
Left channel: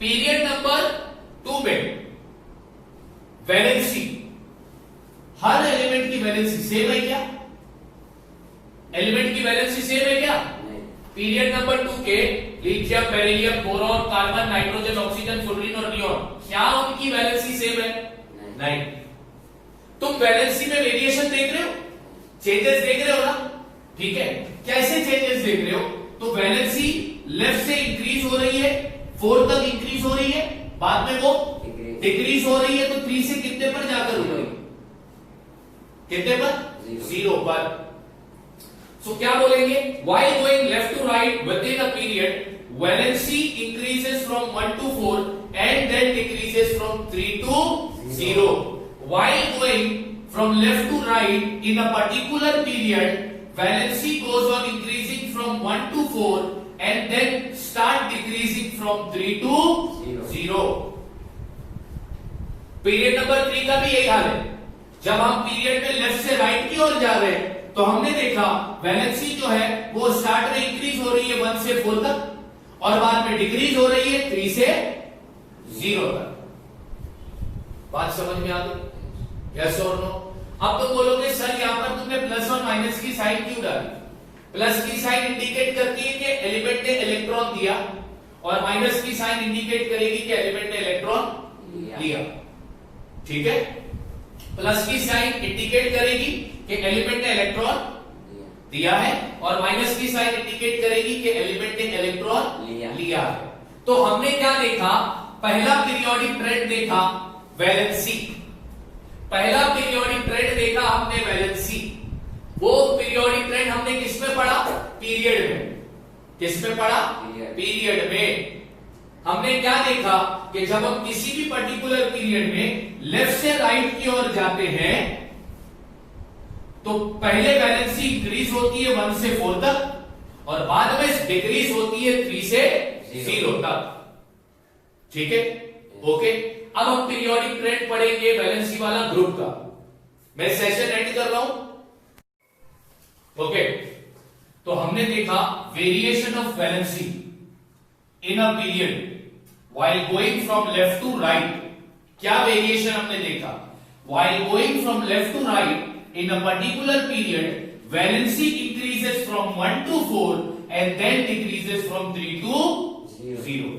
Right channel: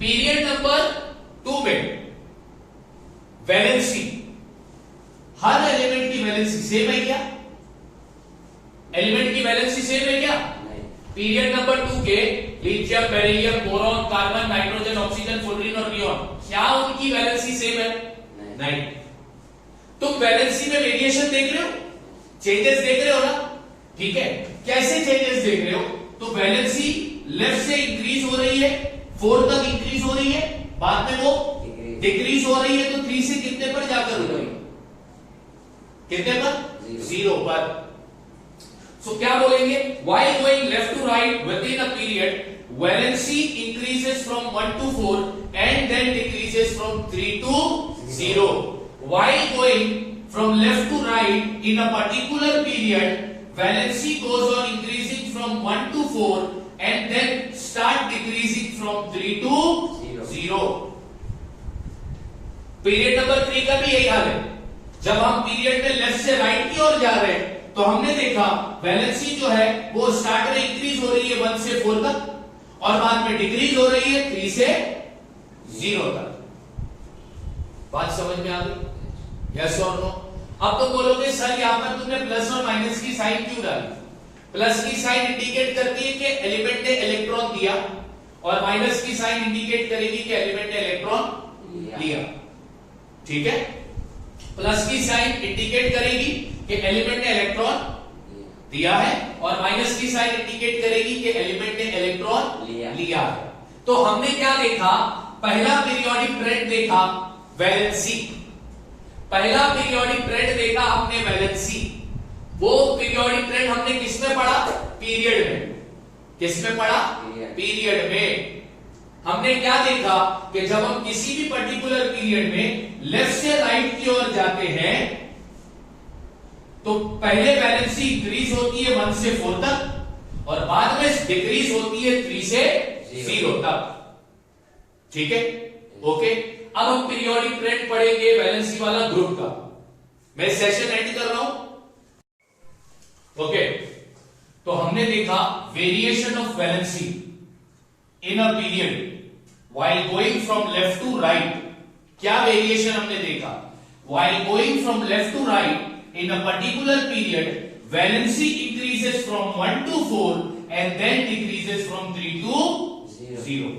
पीरियड नंबर 2 में वैलेंसी, हर एलिमेंट की वैलेंसी सेम है क्या? एलिमेंट की वैलेंसी सेम है क्या? पीरियड नंबर 2 के lithium, beryllium, boron, carbon, nitrogen, oxygen, fluorine और नियोन, क्या उनकी वैलेंसी सेम है? नहीं। तुम वैलेंसी में वेरिएशन देख रहे हो? चेंजेस देख रहे हो ना? ठीक है, कैसे चेंजेस देख रहे हो? तो वैलेंसी लेफ्ट से इंक्रीज हो रही है, 4 तक इंक्रीज हो रही है, बाद में वो डिक्रीज हो रही है, तो 3 से कितने पर जाकर हो रही है? कितने पर? 0 पर। सो क्या बोलेंगे? while going left to right within a period, valency increases from 1 to 4 and then decreases from 3 to 0. While going from left to right in a particular period, valency goes on increasing from 1 to 4 and then start decreasing from 3 to 0. Period number 3 का भी यही हाल है। जब हम period में left से right की ओर जा रहे हैं तो हमने देखा वैलेंसी जो है वो स्टार्ट में इंक्रीज हो रही है 1 से 4 तक और बाद में डिक्रीज हो रही है 3 से 0 तक। बात समझ में आ गई? यस और नो? अब तो बोलोगे सर यहां पर तुमने प्लस और माइनस की साइन क्यों डाली? प्लस की साइन इंडिकेट करती है कि एलिमेंट ने इलेक्ट्रॉन दिया और माइनस की साइन इंडिकेट करेगी कि एलिमेंट ने इलेक्ट्रॉन लिया। ठीक है, प्लस की साइन इंडिकेट करेगी कि एलिमेंट ने इलेक्ट्रॉन दिया है और माइनस की साइन इंडिकेट करेगी कि एलिमेंट ने इलेक्ट्रॉन लिया है। तो हमने क्या देखा? पहला पीरियोडिक ट्रेंड देखा वैलेंसी। पहला पीरियोडिक ट्रेंड देखा हमने वैलेंसी। वो पीरियोडिक ट्रेंड हमने किसमें पढ़ा? पीरियड में। किसमें पढ़ा? पीरियड में। हमने क्या देखा कि जब हम किसी भी पर्टिकुलर पीरियड में लेफ्ट से राइट की ओर जाते हैं तो पहले वैलेंसी इंक्रीज होती है 1 से 4 तक और बाद में डिक्रीज होती है 3 से 0 तक। ठीक है, ओके। अब हम पीरियोडिक ट्रेंड पढ़ेंगे वैलेंसी वाला ग्रुप का। मैं सेशन एंड कर रहा हूं। ओके, तो हमने देखा variation of valency. In a period while going from left to right, क्या वेरिएशन हमने देखा, while going from left to right in a particular period valency increases from 1 to 4 and then decreases from 3 to 0।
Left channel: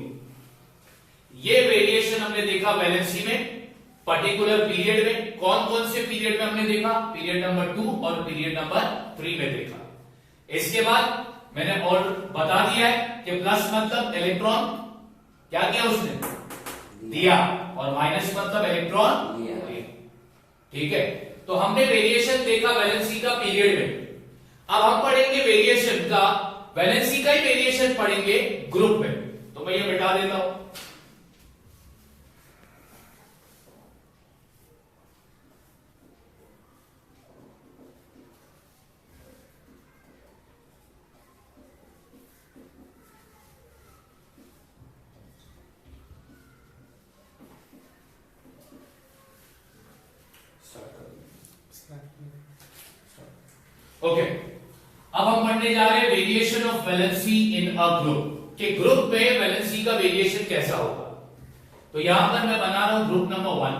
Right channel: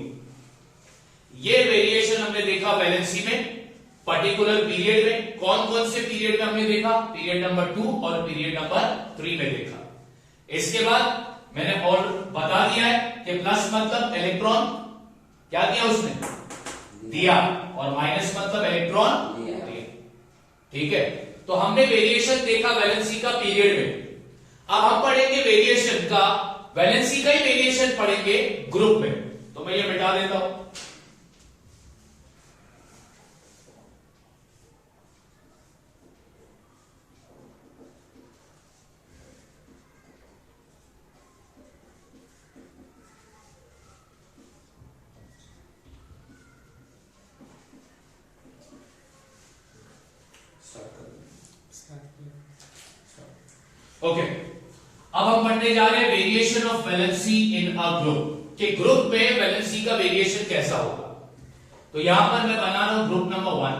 ये variation हमने देखा valency में particular period में। कौन कौन से पीरियड में हमने देखा, पीरियड नंबर 2 और पीरियड नंबर 3 में देखा। इसके बाद मैंने और बता दिया है कि प्लस मतलब इलेक्ट्रॉन क्या किया उसने दिया, और माइनस मतलब इलेक्ट्रॉन लिया। ठीक है, तो हमने वेरिएशन देखा वैलेंसी का पीरियड में। अब हम पढ़ेंगे वेरिएशन का, वैलेंसी का ही वेरिएशन पढ़ेंगे ग्रुप में। तो मैं ये मिटा देता हूं। ओके, अब हम पढ़ने जा रहे हैं variation of valency in a group, कि ग्रुप में वैलेंसी का वेरिएशन कैसा होगा। तो यहां पर मैं बना रहा हूं ग्रुप नंबर 1।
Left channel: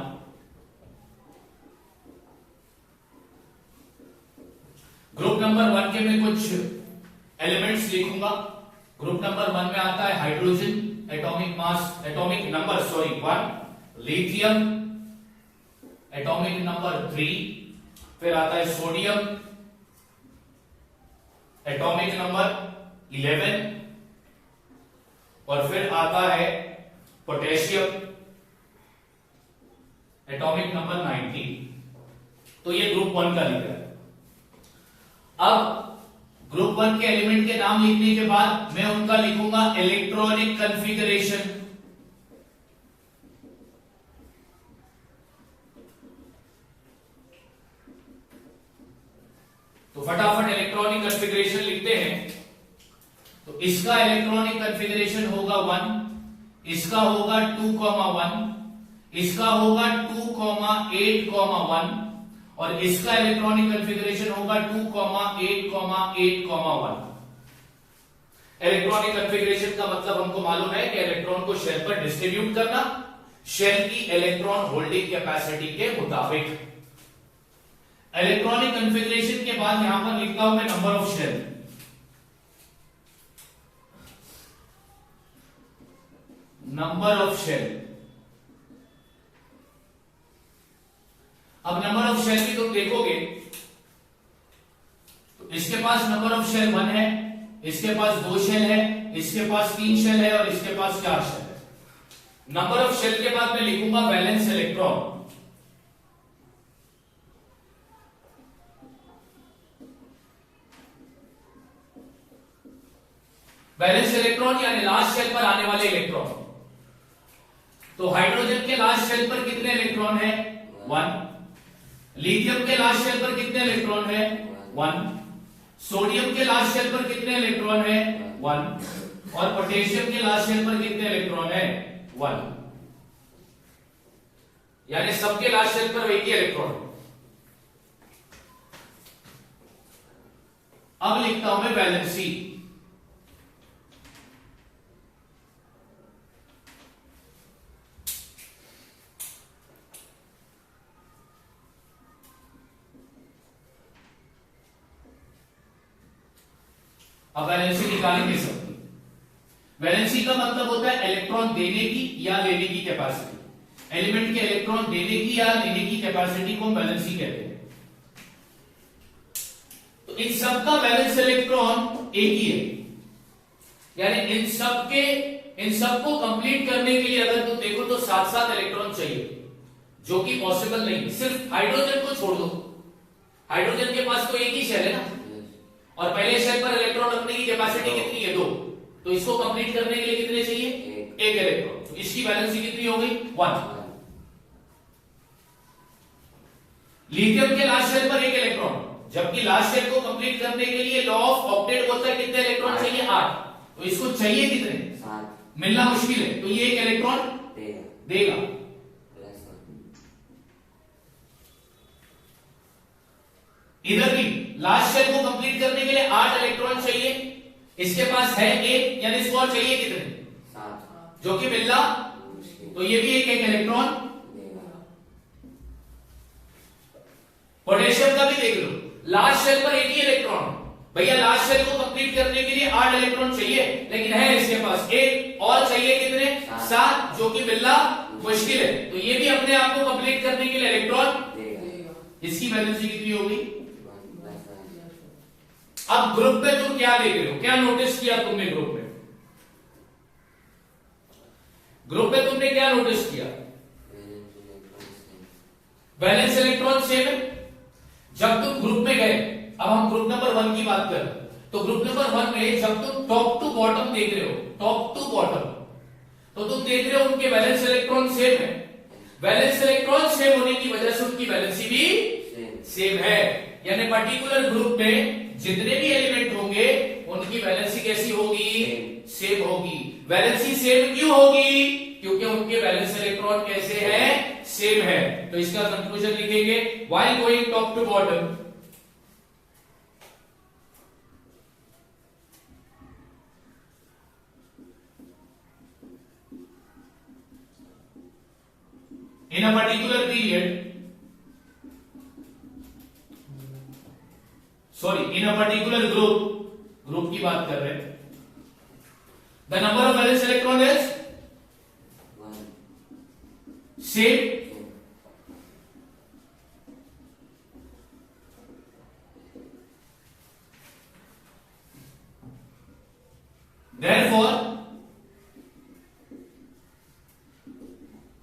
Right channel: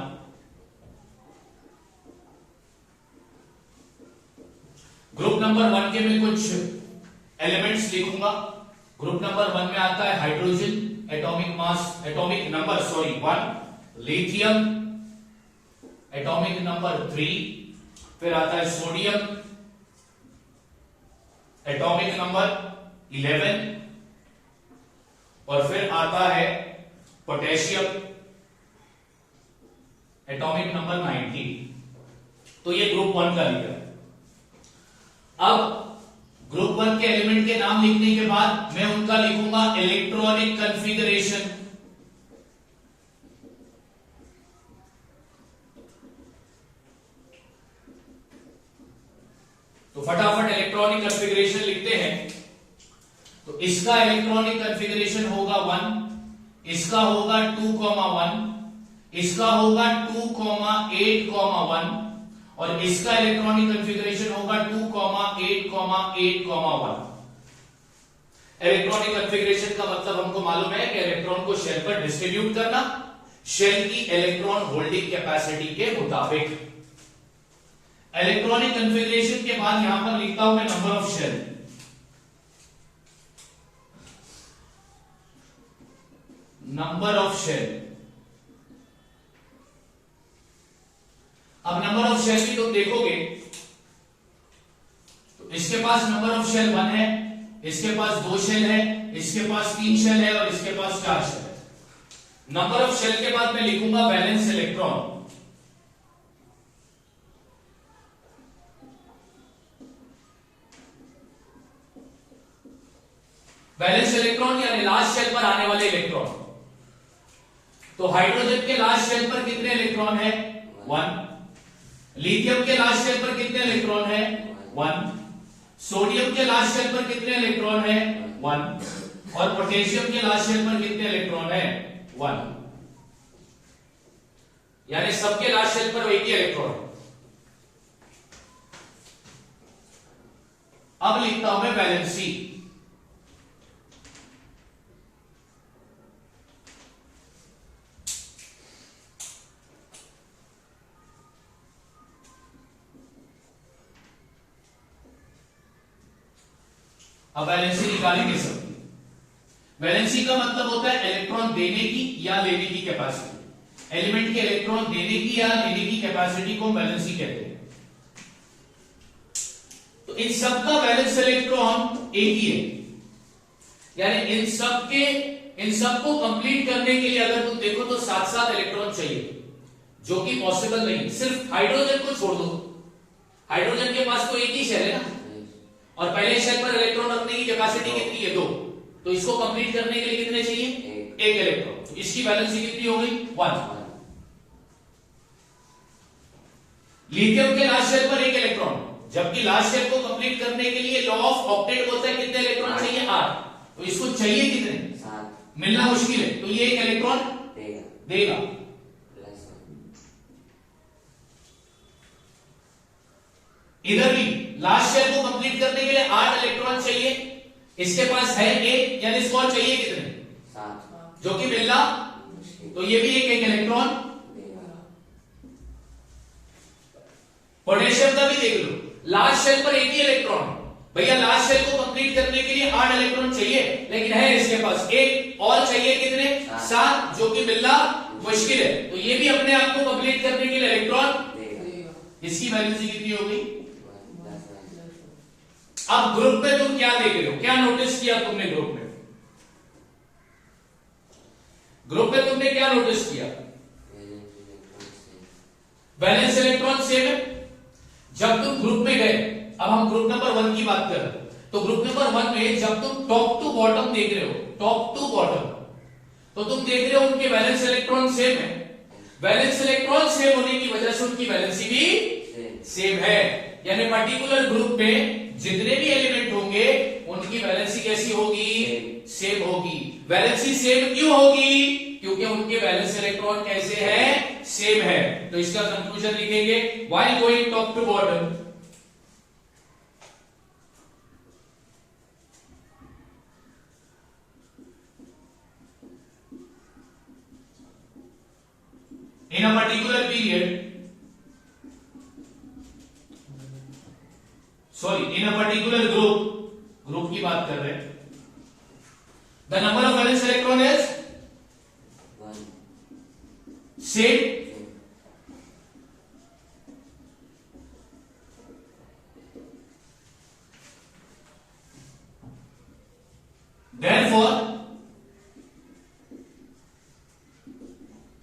ग्रुप नंबर 1 के मैं कुछ एलिमेंट्स लिखूंगा। ग्रुप नंबर 1 में आता है hydrogen, atomic mass, atomic number 1, lithium, atomic number 3, फिर आता है सोडियम, एटॉमिक नंबर 11, और फिर आता है पोटेशियम, एटॉमिक नंबर 19। तो ये ग्रुप 1 का लिखा है। अब ग्रुप 1 के एलिमेंट के नाम लिखने के बाद मैं उनका लिखूंगा इलेक्ट्रॉनिक कॉन्फ़िगरेशन। तो फटाफट इलेक्ट्रॉनिक कॉन्फ़िगरेशन लिखते हैं। तो इसका इलेक्ट्रॉनिक कॉन्फ़िगरेशन होगा 1, इसका होगा 2,1, इसका होगा 2,8,1, और इसका इलेक्ट्रॉनिक कॉन्फ़िगरेशन होगा 2,8,8,1। इलेक्ट्रॉनिक कॉन्फ़िगरेशन का मतलब हमको मालूम है कि इलेक्ट्रॉन को शेल पर डिस्ट्रीब्यूट करना, शेल की इलेक्ट्रॉन होल्डिंग कैपेसिटी के मुताबिक। इलेक्ट्रॉनिक कॉन्फ़िगरेशन के बाद यहां पर लिखता हूं मैं number of shell. Number of shell, अब नंबर ऑफ शेल भी तुम देखोगे तो इसके पास नंबर ऑफ शेल 1 है, इसके पास 2 शेल है, इसके पास 3 शेल है, और इसके पास 4 शेल है। नंबर ऑफ शेल के बाद मैं लिखूंगा वैलेंस इलेक्ट्रॉन। वैलेंस इलेक्ट्रॉन यानी लास्ट शेल पर आने वाले इलेक्ट्रॉन। तो हाइड्रोजन के लास्ट शेल पर कितने इलेक्ट्रॉन है 1, लिथियम के लास्ट शेल पर कितने इलेक्ट्रॉन है 1, सोडियम के लास्ट शेल पर कितने इलेक्ट्रॉन है 1, और पोटेशियम के लास्ट शेल पर कितने इलेक्ट्रॉन है 1। यानी सबके लास्ट शेल पर एक ही इलेक्ट्रॉन है। अब लिखता हूं मैं वैलेंसी। अब वैलेंसी निकालेंगे सब। वैलेंसी का मतलब होता है इलेक्ट्रॉन देने की या लेने की कैपेसिटी। एलिमेंट के इलेक्ट्रॉन देने की या लेने की कैपेसिटी को वैलेंसी कहते हैं। तो इन सब का वैलेंस इलेक्ट्रॉन एक ही है, यानी इन सब को कंप्लीट करने के लिए अगर तुम देखो तो 7-7 इलेक्ट्रॉन चाहिए, जो कि पॉसिबल नहीं। सिर्फ हाइड्रोजन को छोड़ दो, हाइड्रोजन के पास तो एक ही शेल है ना, और पहले शेल पर इलेक्ट्रॉन रखने की कैपेसिटी कितनी है 2, तो इसको कंप्लीट करने के लिए कितने चाहिए 1 इलेक्ट्रॉन। तो इसकी वैलेंसी कितनी हो गई 1। लिथियम के लास्ट शेल पर 1 इलेक्ट्रॉन, जबकि लास्ट शेल को कंप्लीट करने के लिए लॉ ऑफ ऑक्टेट बोलता है कितने इलेक्ट्रॉन चाहिए 8, तो इसको चाहिए कितने 7, मिलना मुश्किल है, तो ये 1 इलेक्ट्रॉन देगा। इधर भी लास्ट शेल को कंप्लीट करने के लिए 8 इलेक्ट्रॉन चाहिए, इसके पास है 1, यानी इसको और चाहिए कितने जो कि मिलना, मुश्किल तो ये भी एक इलेक्ट्रॉन। देगा। पोटेशियम का भी देख लो, लास्ट शेल पर एक ही इलेक्ट्रॉन। भैया लास्ट शेल को कंप्लीट करने के लिए 8 इलेक्ट्रॉन चाहिए, लेकिन है इसके पास एक और चाहिए, कितने? 7, जो कि मिलना मुश्किल है। तो ये भी अपने आप को कंप्लीट करने के लिए इलेक्ट्रॉन देगा। इसकी वैलेंसी कितनी हो गई? 10। अब ग्रुप में तुम क्या देख रहे हो, क्या नोटिस किया तुमने ग्रुप में? ग्रुप में तुमने क्या नोटिस किया? वैलेंस इलेक्ट्रॉन सेम है। जब तुम ग्रुप में गए, अब हम ग्रुप नंबर 1 की बात कर रहे हैं, तो ग्रुप नंबर 1 में जब तुम टॉप टू बॉटम देख रहे हो, टॉप टू बॉटम, तो तुम देख रहे हो उनके वैलेंस इलेक्ट्रॉन सेम है। वैलेंस इलेक्ट्रॉन सेम होने की वजह से उनकी वैलेंसी भी सेम है। यानी पर्टिकुलर ग्रुप में जितने भी एलिमेंट होंगे उनकी वैलेंसी कैसी होगी? सेम होगी। वैलेंसी सेम क्यों होगी? क्योंकि उनके वैलेंस इलेक्ट्रॉन कैसे हैं? सेम है। तो इसका कंक्लूजन लिखेंगे, while going top to bottom, in a particular period, in a particular group की बात कर रहे हैं, the number of valence electron is same, therefore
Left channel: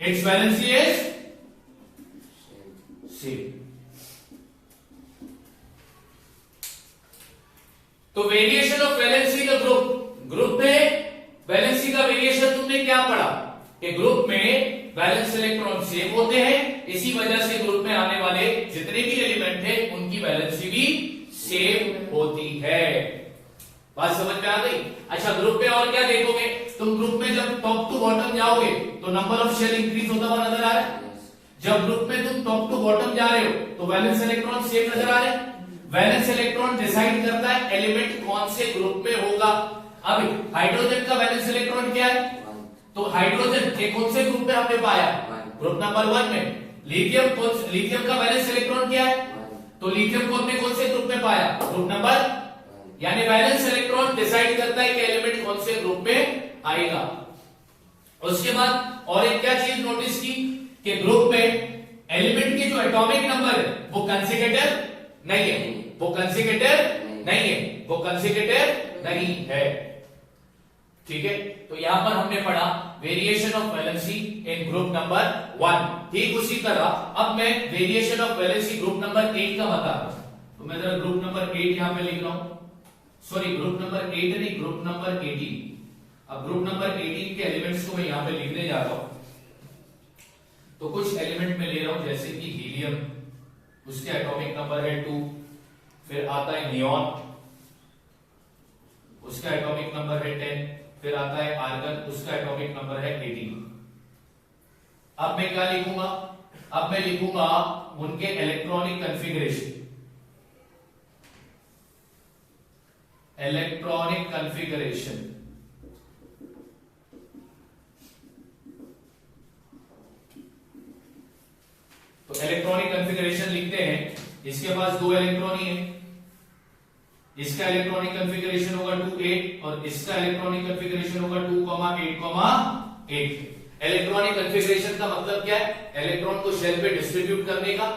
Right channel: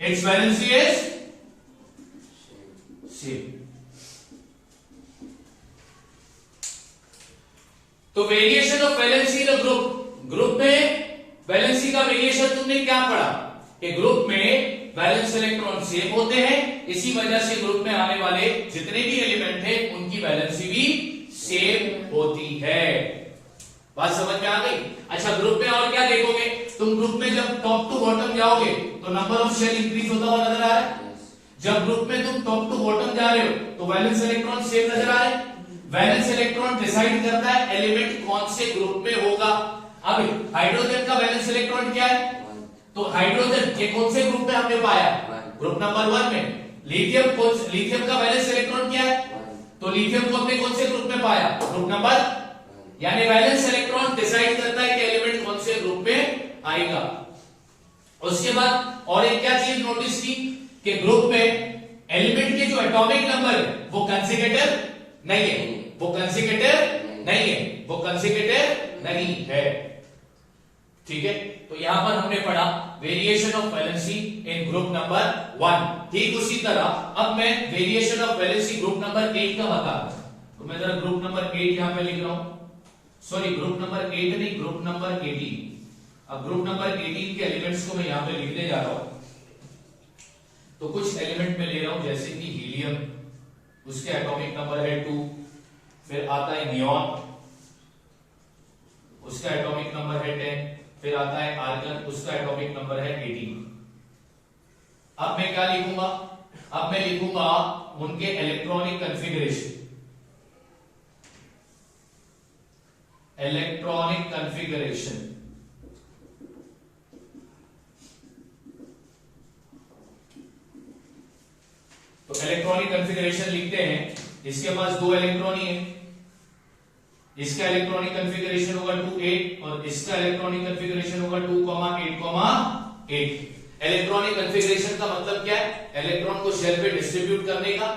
its valency is same. तो variation of valency in group में valency का variation तुमने क्या पढ़ा कि ग्रुप में वैलेंस इलेक्ट्रॉन सेम होते हैं, इसी वजह से ग्रुप में आने वाले जितने भी एलिमेंट हैं उनकी वैलेंसी भी सेम होती है। बात समझ में आ गई? अच्छा, ग्रुप में और क्या देखोगे तुम? ग्रुप में जब टॉप टू बॉटम जाओगे तो नंबर ऑफ शेल इंक्रीज होता हुआ नजर आ रहा है। जब ग्रुप में तुम टॉप टू बॉटम जा रहे हो तो वैलेंस इलेक्ट्रॉन सेम नजर आ रहा है। वैलेंस इलेक्ट्रॉन डिसाइड करता है एलिमेंट कौन से ग्रुप में होगा। अब हाइड्रोजन का वैलेंस इलेक्ट्रॉन क्या है? तो हाइड्रोजन के कौन से ग्रुप में हमने पाया? ग्रुप नंबर 1 में। लिथियम का वैलेंस इलेक्ट्रॉन क्या है? तो लिथियम को हमने कौन से ग्रुप में पाया? Group number. यानी वैलेंस इलेक्ट्रॉन डिसाइड करता है कि एलिमेंट कौन से ग्रुप में आएगा। उसके बाद और एक क्या चीज नोटिस की कि ग्रुप में एलिमेंट के जो एटॉमिक नंबर है वो कंसेक्यूटिव नहीं है, वो कंसेक्यूटिव नहीं है, वो कंसेक्यूटिव नहीं है। ठीक है, तो यहां पर हमने पढ़ा variation of valency in group number 1। ठीक उसी तरह अब मैं variation of valency group number 8 का बता रहा हूं। तो मैं जरा ग्रुप नंबर 8 यहां पे लिख रहा हूं। सॉरी, ग्रुप नंबर 8 नहीं, ग्रुप नंबर 18। अब ग्रुप नंबर 18 के एलिमेंट्स को मैं यहां पे लिखने जा रहा हूं। तो कुछ एलिमेंट में ले रहा हूं, जैसे कि हीलियम, उसके एटॉमिक नंबर है 2। फिर आता है नियॉन, उसका एटॉमिक नंबर है 10। फिर आता है आर्गन, उसका एटॉमिक नंबर है 18। अब मैं क्या लिखूंगा? अब मैं लिखूंगा उनके इलेक्ट्रॉनिक कॉन्फ़िगरेशन। इलेक्ट्रॉनिक कॉन्फ़िगरेशन तो इलेक्ट्रॉनिक कॉन्फ़िगरेशन लिखते हैं। इसके पास 2 इलेक्ट्रॉन ही है। इसका इलेक्ट्रॉनिक कॉन्फ़िगरेशन होगा 2 8 और इसका इलेक्ट्रॉनिक कॉन्फ़िगरेशन होगा 2 8 8। इलेक्ट्रॉनिक कॉन्फ़िगरेशन का मतलब क्या है? इलेक्ट्रॉन को शेल पे डिस्ट्रीब्यूट करने का।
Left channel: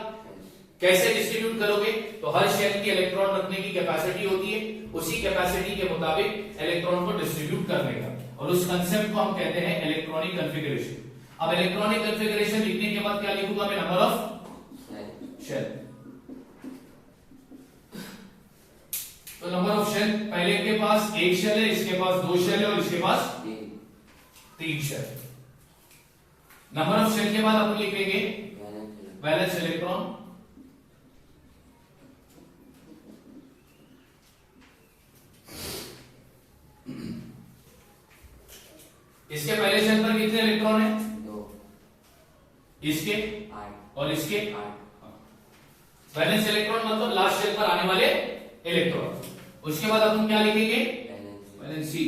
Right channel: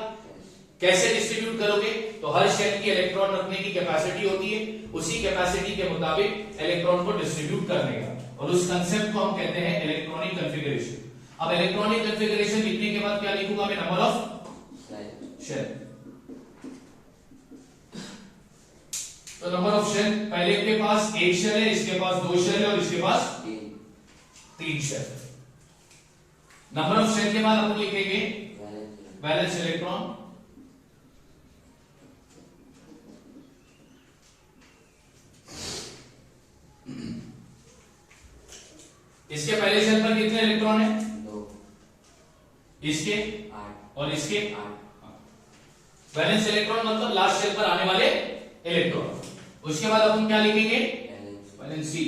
कैसे डिस्ट्रीब्यूट करोगे? तो हर शेल की इलेक्ट्रॉन रखने की कैपेसिटी होती है, उसी कैपेसिटी के मुताबिक इलेक्ट्रॉन को डिस्ट्रीब्यूट करने का, और उस कंसेप्ट को हम कहते हैं इलेक्ट्रॉनिक कॉन्फ़िगरेशन। अब इलेक्ट्रॉनिक कॉन्फ़िगरेशन लिखने के बाद क्या लिखूंगा मैं? Number of shell. तो नंबर ऑफ शेल, पहले के पास 1 शेल है, इसके पास 2 शेल है और इसके पास 3 शेल। नंबर ऑफ शेल के बाद अपन लिखेंगे वैलेंस इलेक्ट्रॉन। इसके पहले शेल पर कितने इलेक्ट्रॉन है? 2। इसके 8 और इसके 8। वैलेंस इलेक्ट्रॉन मतलब लास्ट शेल पर आने वाले इलेक्ट्रॉन। उसके बाद अपन क्या लिखेंगे? वैलेंसी।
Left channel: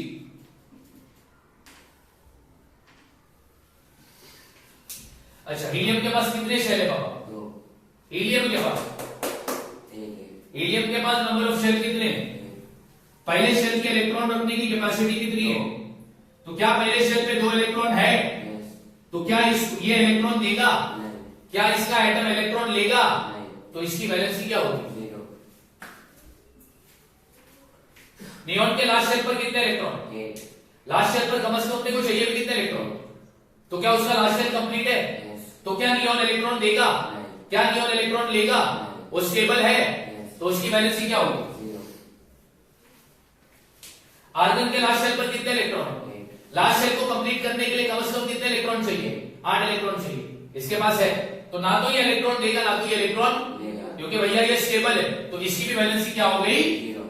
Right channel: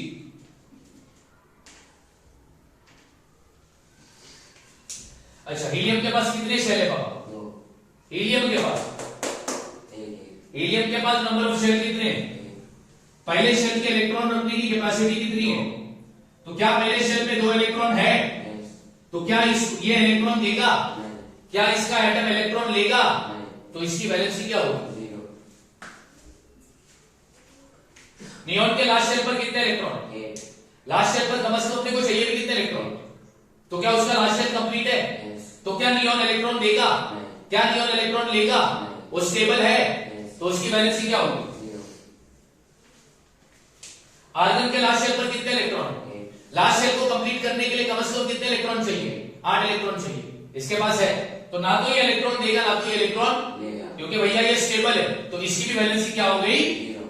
अच्छा, हीलियम के पास कितने शेल है पापा? 2 हीलियम के पास 1 हीलियम के पास नंबर ऑफ शेल कितने हैं? पहले शेल के इलेक्ट्रॉन रखने की कैपेसिटी कितनी है? तो क्या पहले शेल में 2 इलेक्ट्रॉन है? तो क्या ये इलेक्ट्रॉन देगा? क्या इसका एटम इलेक्ट्रॉन लेगा? तो इसकी वैलेंसी क्या होगी? 0 नियॉन के लास्ट शेल पर कितने इलेक्ट्रॉन? 8 लास्ट शेल पर कम से कम अपने को चाहिए भी कितने इलेक्ट्रॉन? तो क्या उसका लास्ट शेल कंप्लीट है? तो क्या नियॉन इलेक्ट्रॉन देगा? क्या नियॉन इलेक्ट्रॉन लेगा? वो स्टेबल है, तो उसकी वैलेंसी क्या होगी? 0 आर्गन के लास्ट शेल पर कितने इलेक्ट्रॉन है? लास्ट शेल को कंप्लीट करने के लिए कम से कम कितने इलेक्ट्रॉन चाहिए? 8 इलेक्ट्रॉन चाहिए। इसके पास है, तो ना तो ये इलेक्ट्रॉन देगा ना तो ये इलेक्ट्रॉन लेगा, क्योंकि भैया ये स्टेबल है, तो इसकी भी वैलेंसी क्या हो गई? 0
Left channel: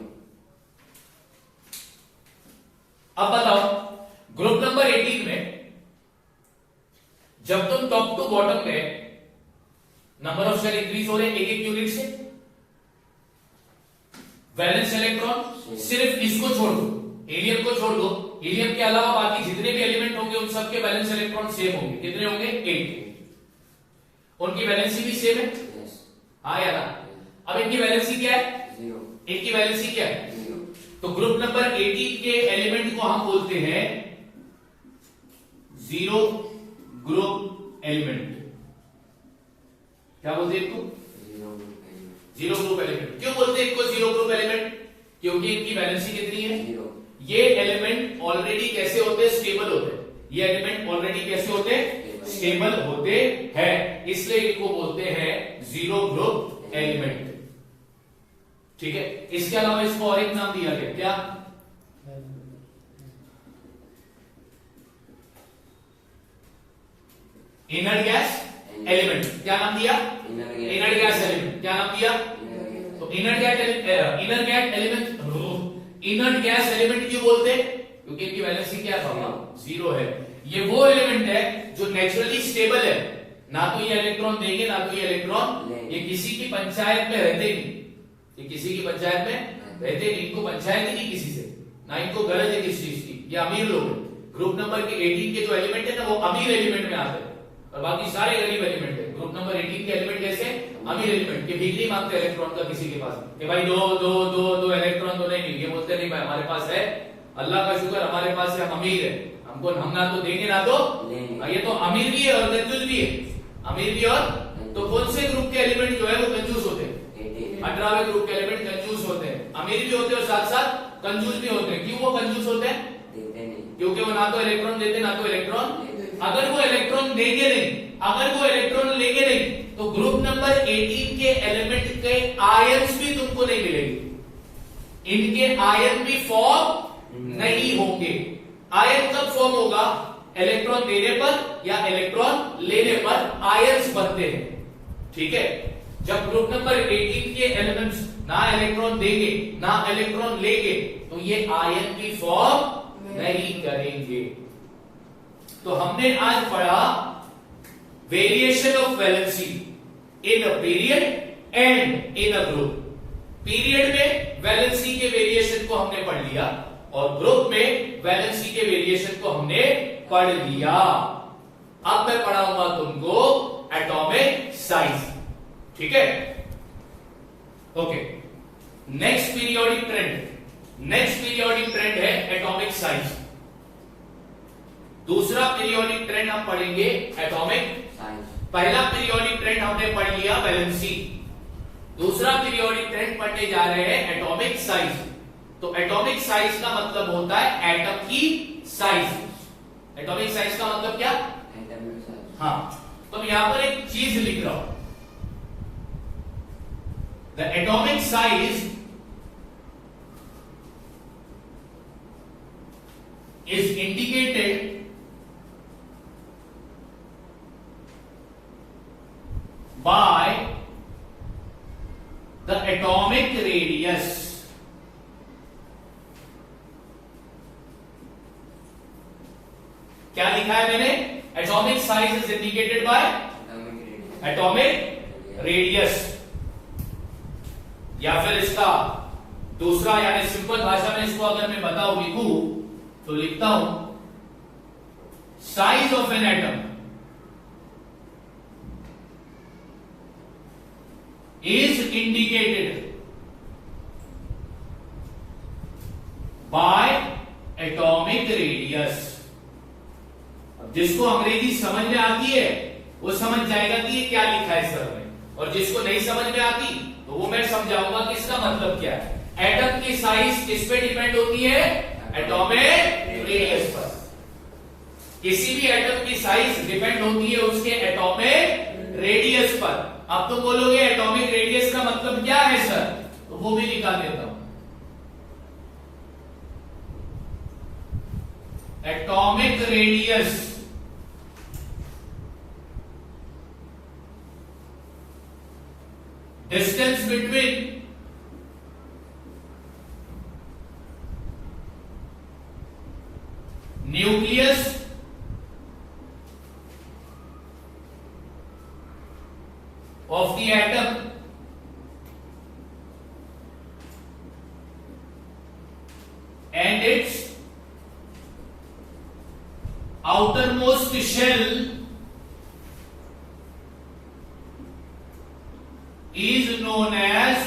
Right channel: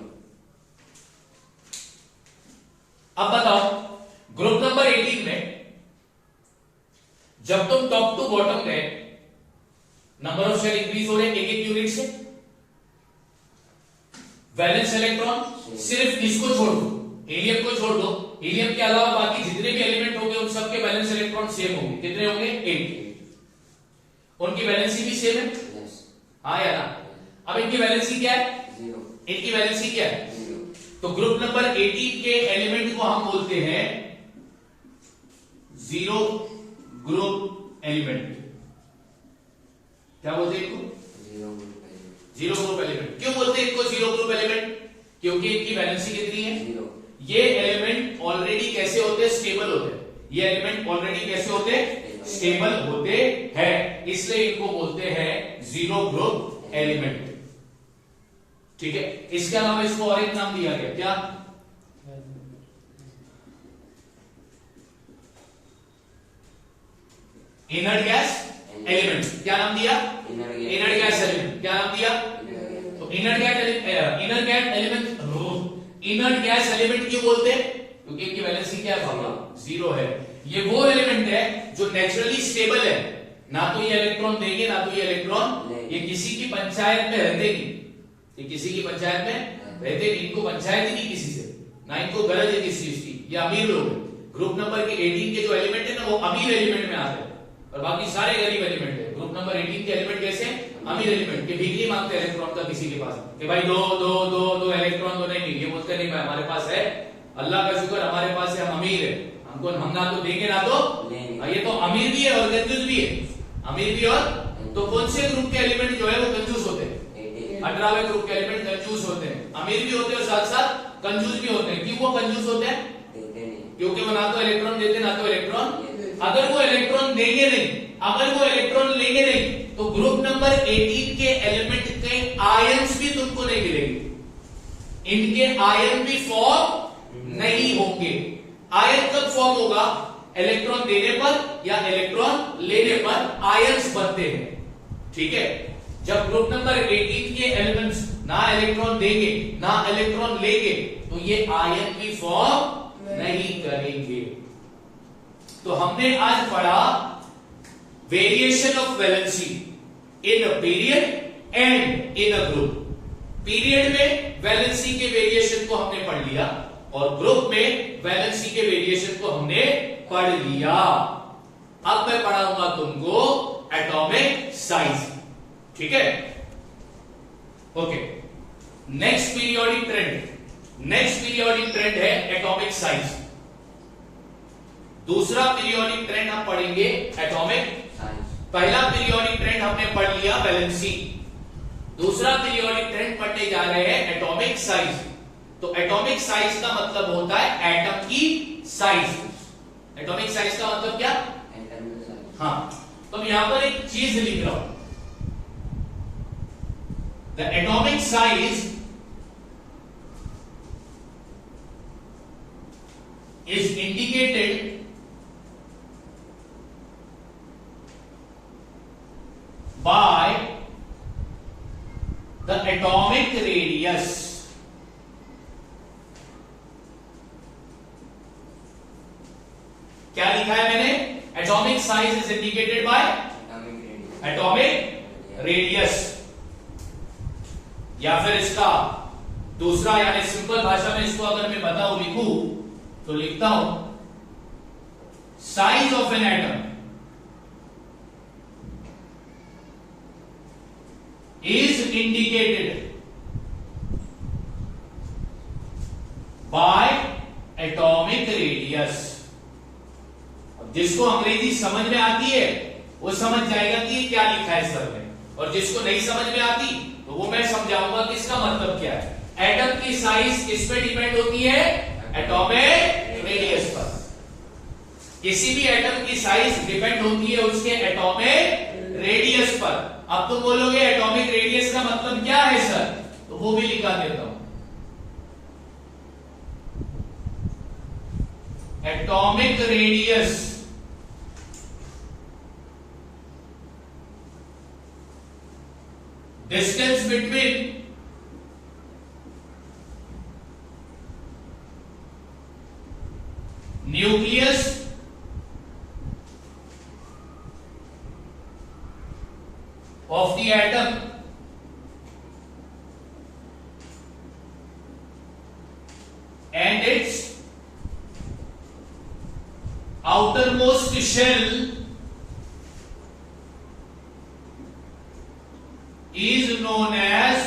अब बताओ, ग्रुप नंबर 18 में जब तुम टॉप टू बॉटम गए, नंबर ऑफ शेल इंक्रीज हो रहे एक एक यूनिट से, वैलेंस इलेक्ट्रॉन सिर्फ इसको छोड़ दो, हीलियम को छोड़ दो, हीलियम के अलावा बाकी जितने भी एलिमेंट होंगे उन सबके वैलेंस इलेक्ट्रॉन सेम होंगे। कितने होंगे? 8। उनकी वैलेंसी भी सेम है, हाँ या ना? अब इनकी वैलेंसी क्या है? 0 इनकी वैलेंसी क्या है? 0 तो ग्रुप नंबर 18 के एलिमेंट को हम बोलते हैं जीरो ग्रुप एलिमेंट। क्या बोलते हैं इनको? 0 जीरो ग्रुप एलिमेंट। क्यों बोलते हैं इनको जीरो ग्रुप एलिमेंट? क्योंकि इनकी वैलेंसी कितनी है? 0 ये एलिमेंट ऑलरेडी कैसे होते हैं? स्टेबल होते हैं। ये एलिमेंट ऑलरेडी कैसे होते हैं? स्टेबल होते हैं, इसलिए इनको बोलते हैं जीरो ग्रुप एलिमेंट। ठीक है, इसके अलावा इसको और एक नाम दिया गया, क्या? Inert gas element. क्या नाम दिया? Inert gas element. क्या नाम दिया? तो इनर्ट गैस एलिमेंट क्यों बोलते हैं? क्योंकि इनकी वैलेंसी क्या है पापा? 0 है। ये वो एलिमेंट है जो नेचुरली स्टेबल है, ना तो ये इलेक्ट्रॉन देंगे ना तो ये इलेक्ट्रॉन, ये किसी की पंचायत में रहते नहीं, ये किसी की पंचायत में रहते नहीं, इनको पंचायत ही नहीं किसी से, ना इनको गरज है किसी चीज की। ये अमीर लोग हैं। ग्रुप नंबर के 18 के जो एलिमेंट है ना, वो अमीर एलिमेंट में आते हैं और बाकी सारे गरीब एलिमेंट है। ग्रुप नंबर 18 के एलिमेंट कैसे? अमीर एलिमेंट के भीख नहीं मांगते इलेक्ट्रॉन का किसी के पास कि भाई दो दो दो दो इलेक्ट्रॉन तो नहीं, ये बोलते नहीं भाई हमारे पास है, अल्लाह का शुक्र हमारे पास है, हम अमीर है, हमको हम ना तो देंगे ना तो लेंगे। ये तो अमीर भी है और कंजूस भी है। अमीर भी और तो कौन से ग्रुप के एलिमेंट जो है वो कंजूस होते हैं? 18वें ग्रुप के एलिमेंट कंजूस होते हैं, अमीर भी होते हैं और साथ साथ कंजूस भी होते हैं। क्यों वो कंजूस होते हैं? क्योंकि वो ना तो इलेक्ट्रॉन देते ना तो इलेक्ट्रॉन, अगर वो इलेक्ट्रॉन देंगे नहीं, अगर वो इलेक्ट्रॉन लेंगे नहीं, तो ग्रुप नंबर 18 के एलिमेंट के आयंस भी तुमको नहीं मिलेंगे, इनके आयन भी फॉर्म नहीं होंगे। आयन कब फॉर्म होगा? इलेक्ट्रॉन देने पर या इलेक्ट्रॉन लेने पर आयंस बनते हैं। ठीक है, जब ग्रुप नंबर 18 के एलिमेंट्स ना इलेक्ट्रॉन देंगे ना इलेक्ट्रॉन लेंगे, तो ये आयन की फॉर्म नहीं करेंगे। तो हमने आज पढ़ा variation of valency in a period and in a group. Period में वैलेंसी के वेरिएशन को हमने पढ़ लिया और ग्रुप में वैलेंसी के वेरिएशन को हमने पढ़ लिया। अब मैं पढ़ाऊंगा तुमको एटॉमिक साइज। ठीक है, ओके। नेक्स्ट पीरियोडिक ट्रेंड है एटॉमिक साइज। दूसरा पीरियोडिक ट्रेंड हम पढ़ेंगे एटॉमिक। पहला पीरियोडिक ट्रेंड हमने पढ़ लिया वैलेंसी, दूसरा पीरियोडिक ट्रेंड पढ़ने जा रहे हैं एटॉमिक साइज। तो एटॉमिक साइज का मतलब होता है एटम की साइज। एटॉमिक साइज का मतलब क्या? हाँ, तो यहां पर एक चीज लिख रहा हूं, the atomic size is indicated by the atomic radius। क्या लिखा है मैंने? Atomic size is indicated by atomic radius. या फिर इसका दूसरा यानी सिंपल भाषा में इसको अगर मैं बताऊं, लिखूं तो लिखता हूं size of an atom is indicated by atomic radius। जिसको अंग्रेजी समझ में आती है वो समझ जाएगा कि ये क्या लिखा है सर में, और जिसको नहीं समझ में आती तो वो मैं समझाऊंगा कि इसका मतलब क्या है। एटम की साइज किस पे डिपेंड होती है? एटॉमिक रेडियस पर। किसी भी एटम की साइज डिपेंड होती है उसके एटॉमिक रेडियस पर। अब तो बोलोगे एटॉमिक रेडियस का मतलब क्या है सर, तो वो भी लिखा देता हूं। Atomic radius distance between nucleus of the atom and its outermost shell is known as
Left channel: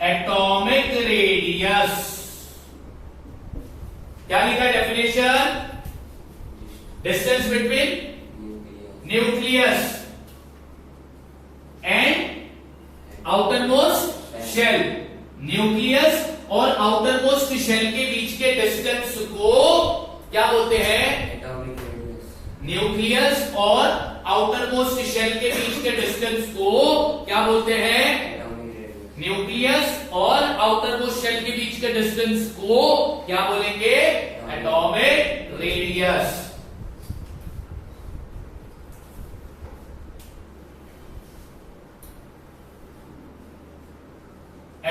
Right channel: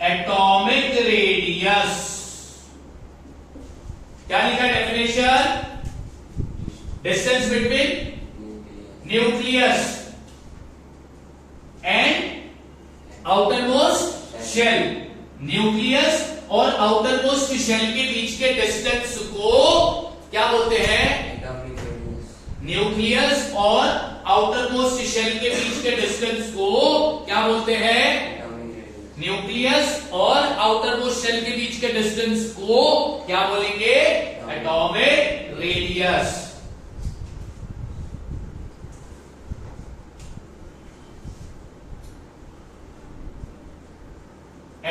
atomic radius। क्या लिखा है definition? Distance between nucleus and outermost shell. Nucleus और आउटरमोस्ट शेल के बीच के डिस्टेंस को क्या बोलते हैं? Atomic radius. न्यूक्लियस और आउटरमोस्ट शेल के बीच के डिस्टेंस को क्या बोलते हैं? Atomic radius. न्यूक्लियस और आउटरमोस्ट शेल के बीच के डिस्टेंस को क्या बोलेंगे? Atomic radius.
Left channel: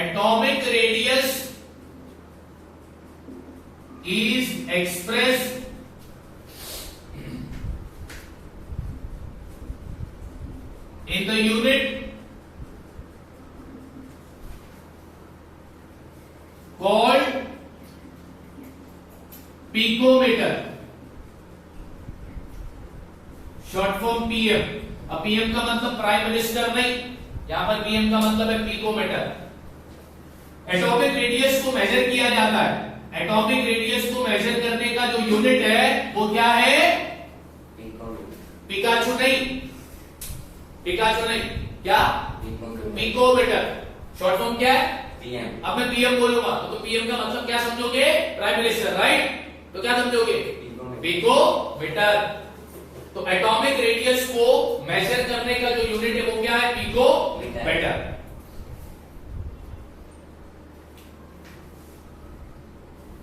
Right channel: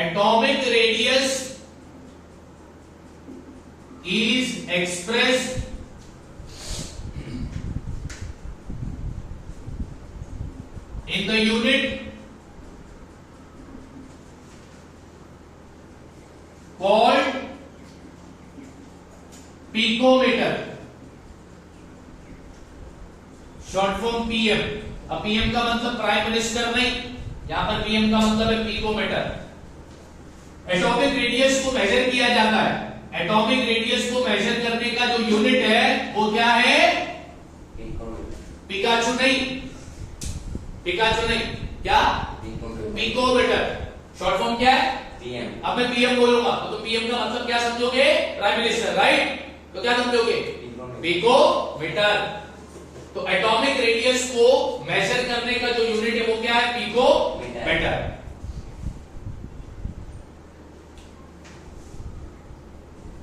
Atomic radius is expressed in the unit called picometer, short form PM। अब PM का मतलब प्राइम मिनिस्टर नहीं, यहां पर PM का मतलब है पिकोमीटर। एटॉमिक रेडियस को मेजर किया जाता है। एटॉमिक रेडियस को मेजर करने का जो यूनिट है वो क्या है? पिकाचू नहीं, पिकाचू नहीं, क्या? पिकोमीटर। शॉर्ट फॉर्म क्या है? पीएम। अब मैं पीएम बोलूंगा तो पीएम का मतलब क्या समझोगे? Prime minister, right? तो क्या समझोगे? पिकोमीटर। तो एटॉमिक रेडियस को मेजर करने का जो यूनिट है वो क्या है? पिकोमीटर।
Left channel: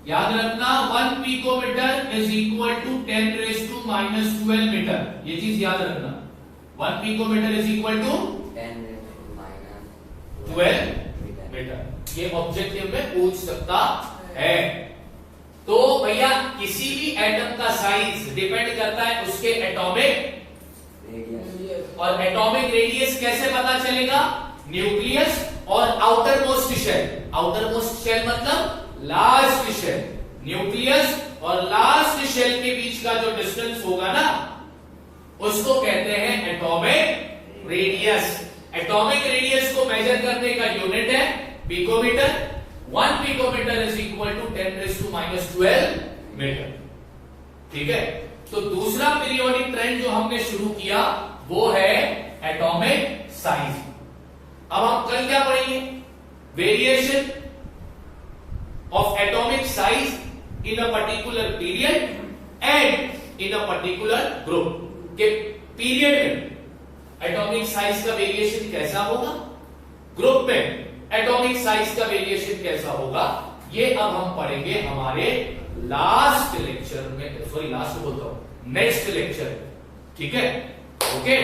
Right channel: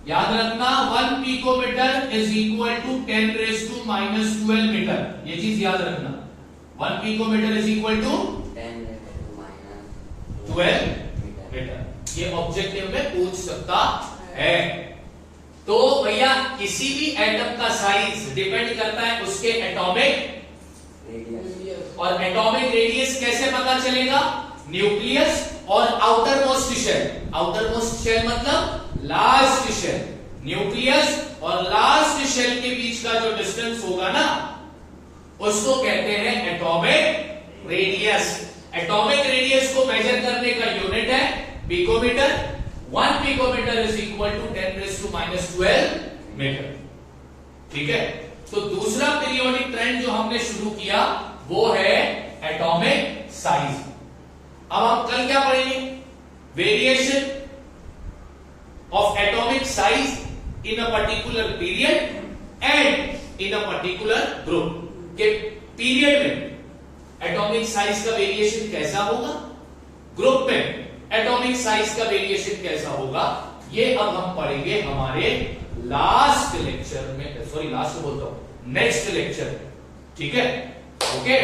याद रखना 1 picometre is equal to 10⁻⁻12 metre. ये चीज याद रखना। 1 picometre is equal to 10⁻12 metre. ये ऑब्जेक्टिव में पूछ सकता है। तो भैया किसी भी एटम का साइज डिपेंड करता है उसके एटॉमिक रेडियस। और एटॉमिक रेडियस कैसे पता चलेगा? न्यूक्लियस और outermost shell. Outermost shell मतलब लास्ट शेल। न्यूक्लियस और लास्ट शेल के बीच का जो डिस्टेंस होगा ना उसको कहते हैं एटॉमिक रेडियस। एटॉमिक रेडियस को मेजर करने का यूनिट है picometre. 1 picometre is equal to 10⁻⁻12 metre. ठीक है। तो दूसरा पीरियोडिक ट्रेंड जो हमने शुरू किया वो है एटॉमिक साइज। अब हम कल क्या पढ़ेंगे? Variation of atomic size in a particular period and in a particular group। के पीरियड में एटॉमिक साइज का वेरिएशन कैसा होगा, ग्रुप में एटॉमिक साइज का वेरिएशन कैसा होगा, ये अब हम पढ़ेंगे हमारे लास्ट लेक्चर में। सॉरी लास्ट बोलता हूं, नेक्स्ट लेक्चर में। ठीक है, ओके।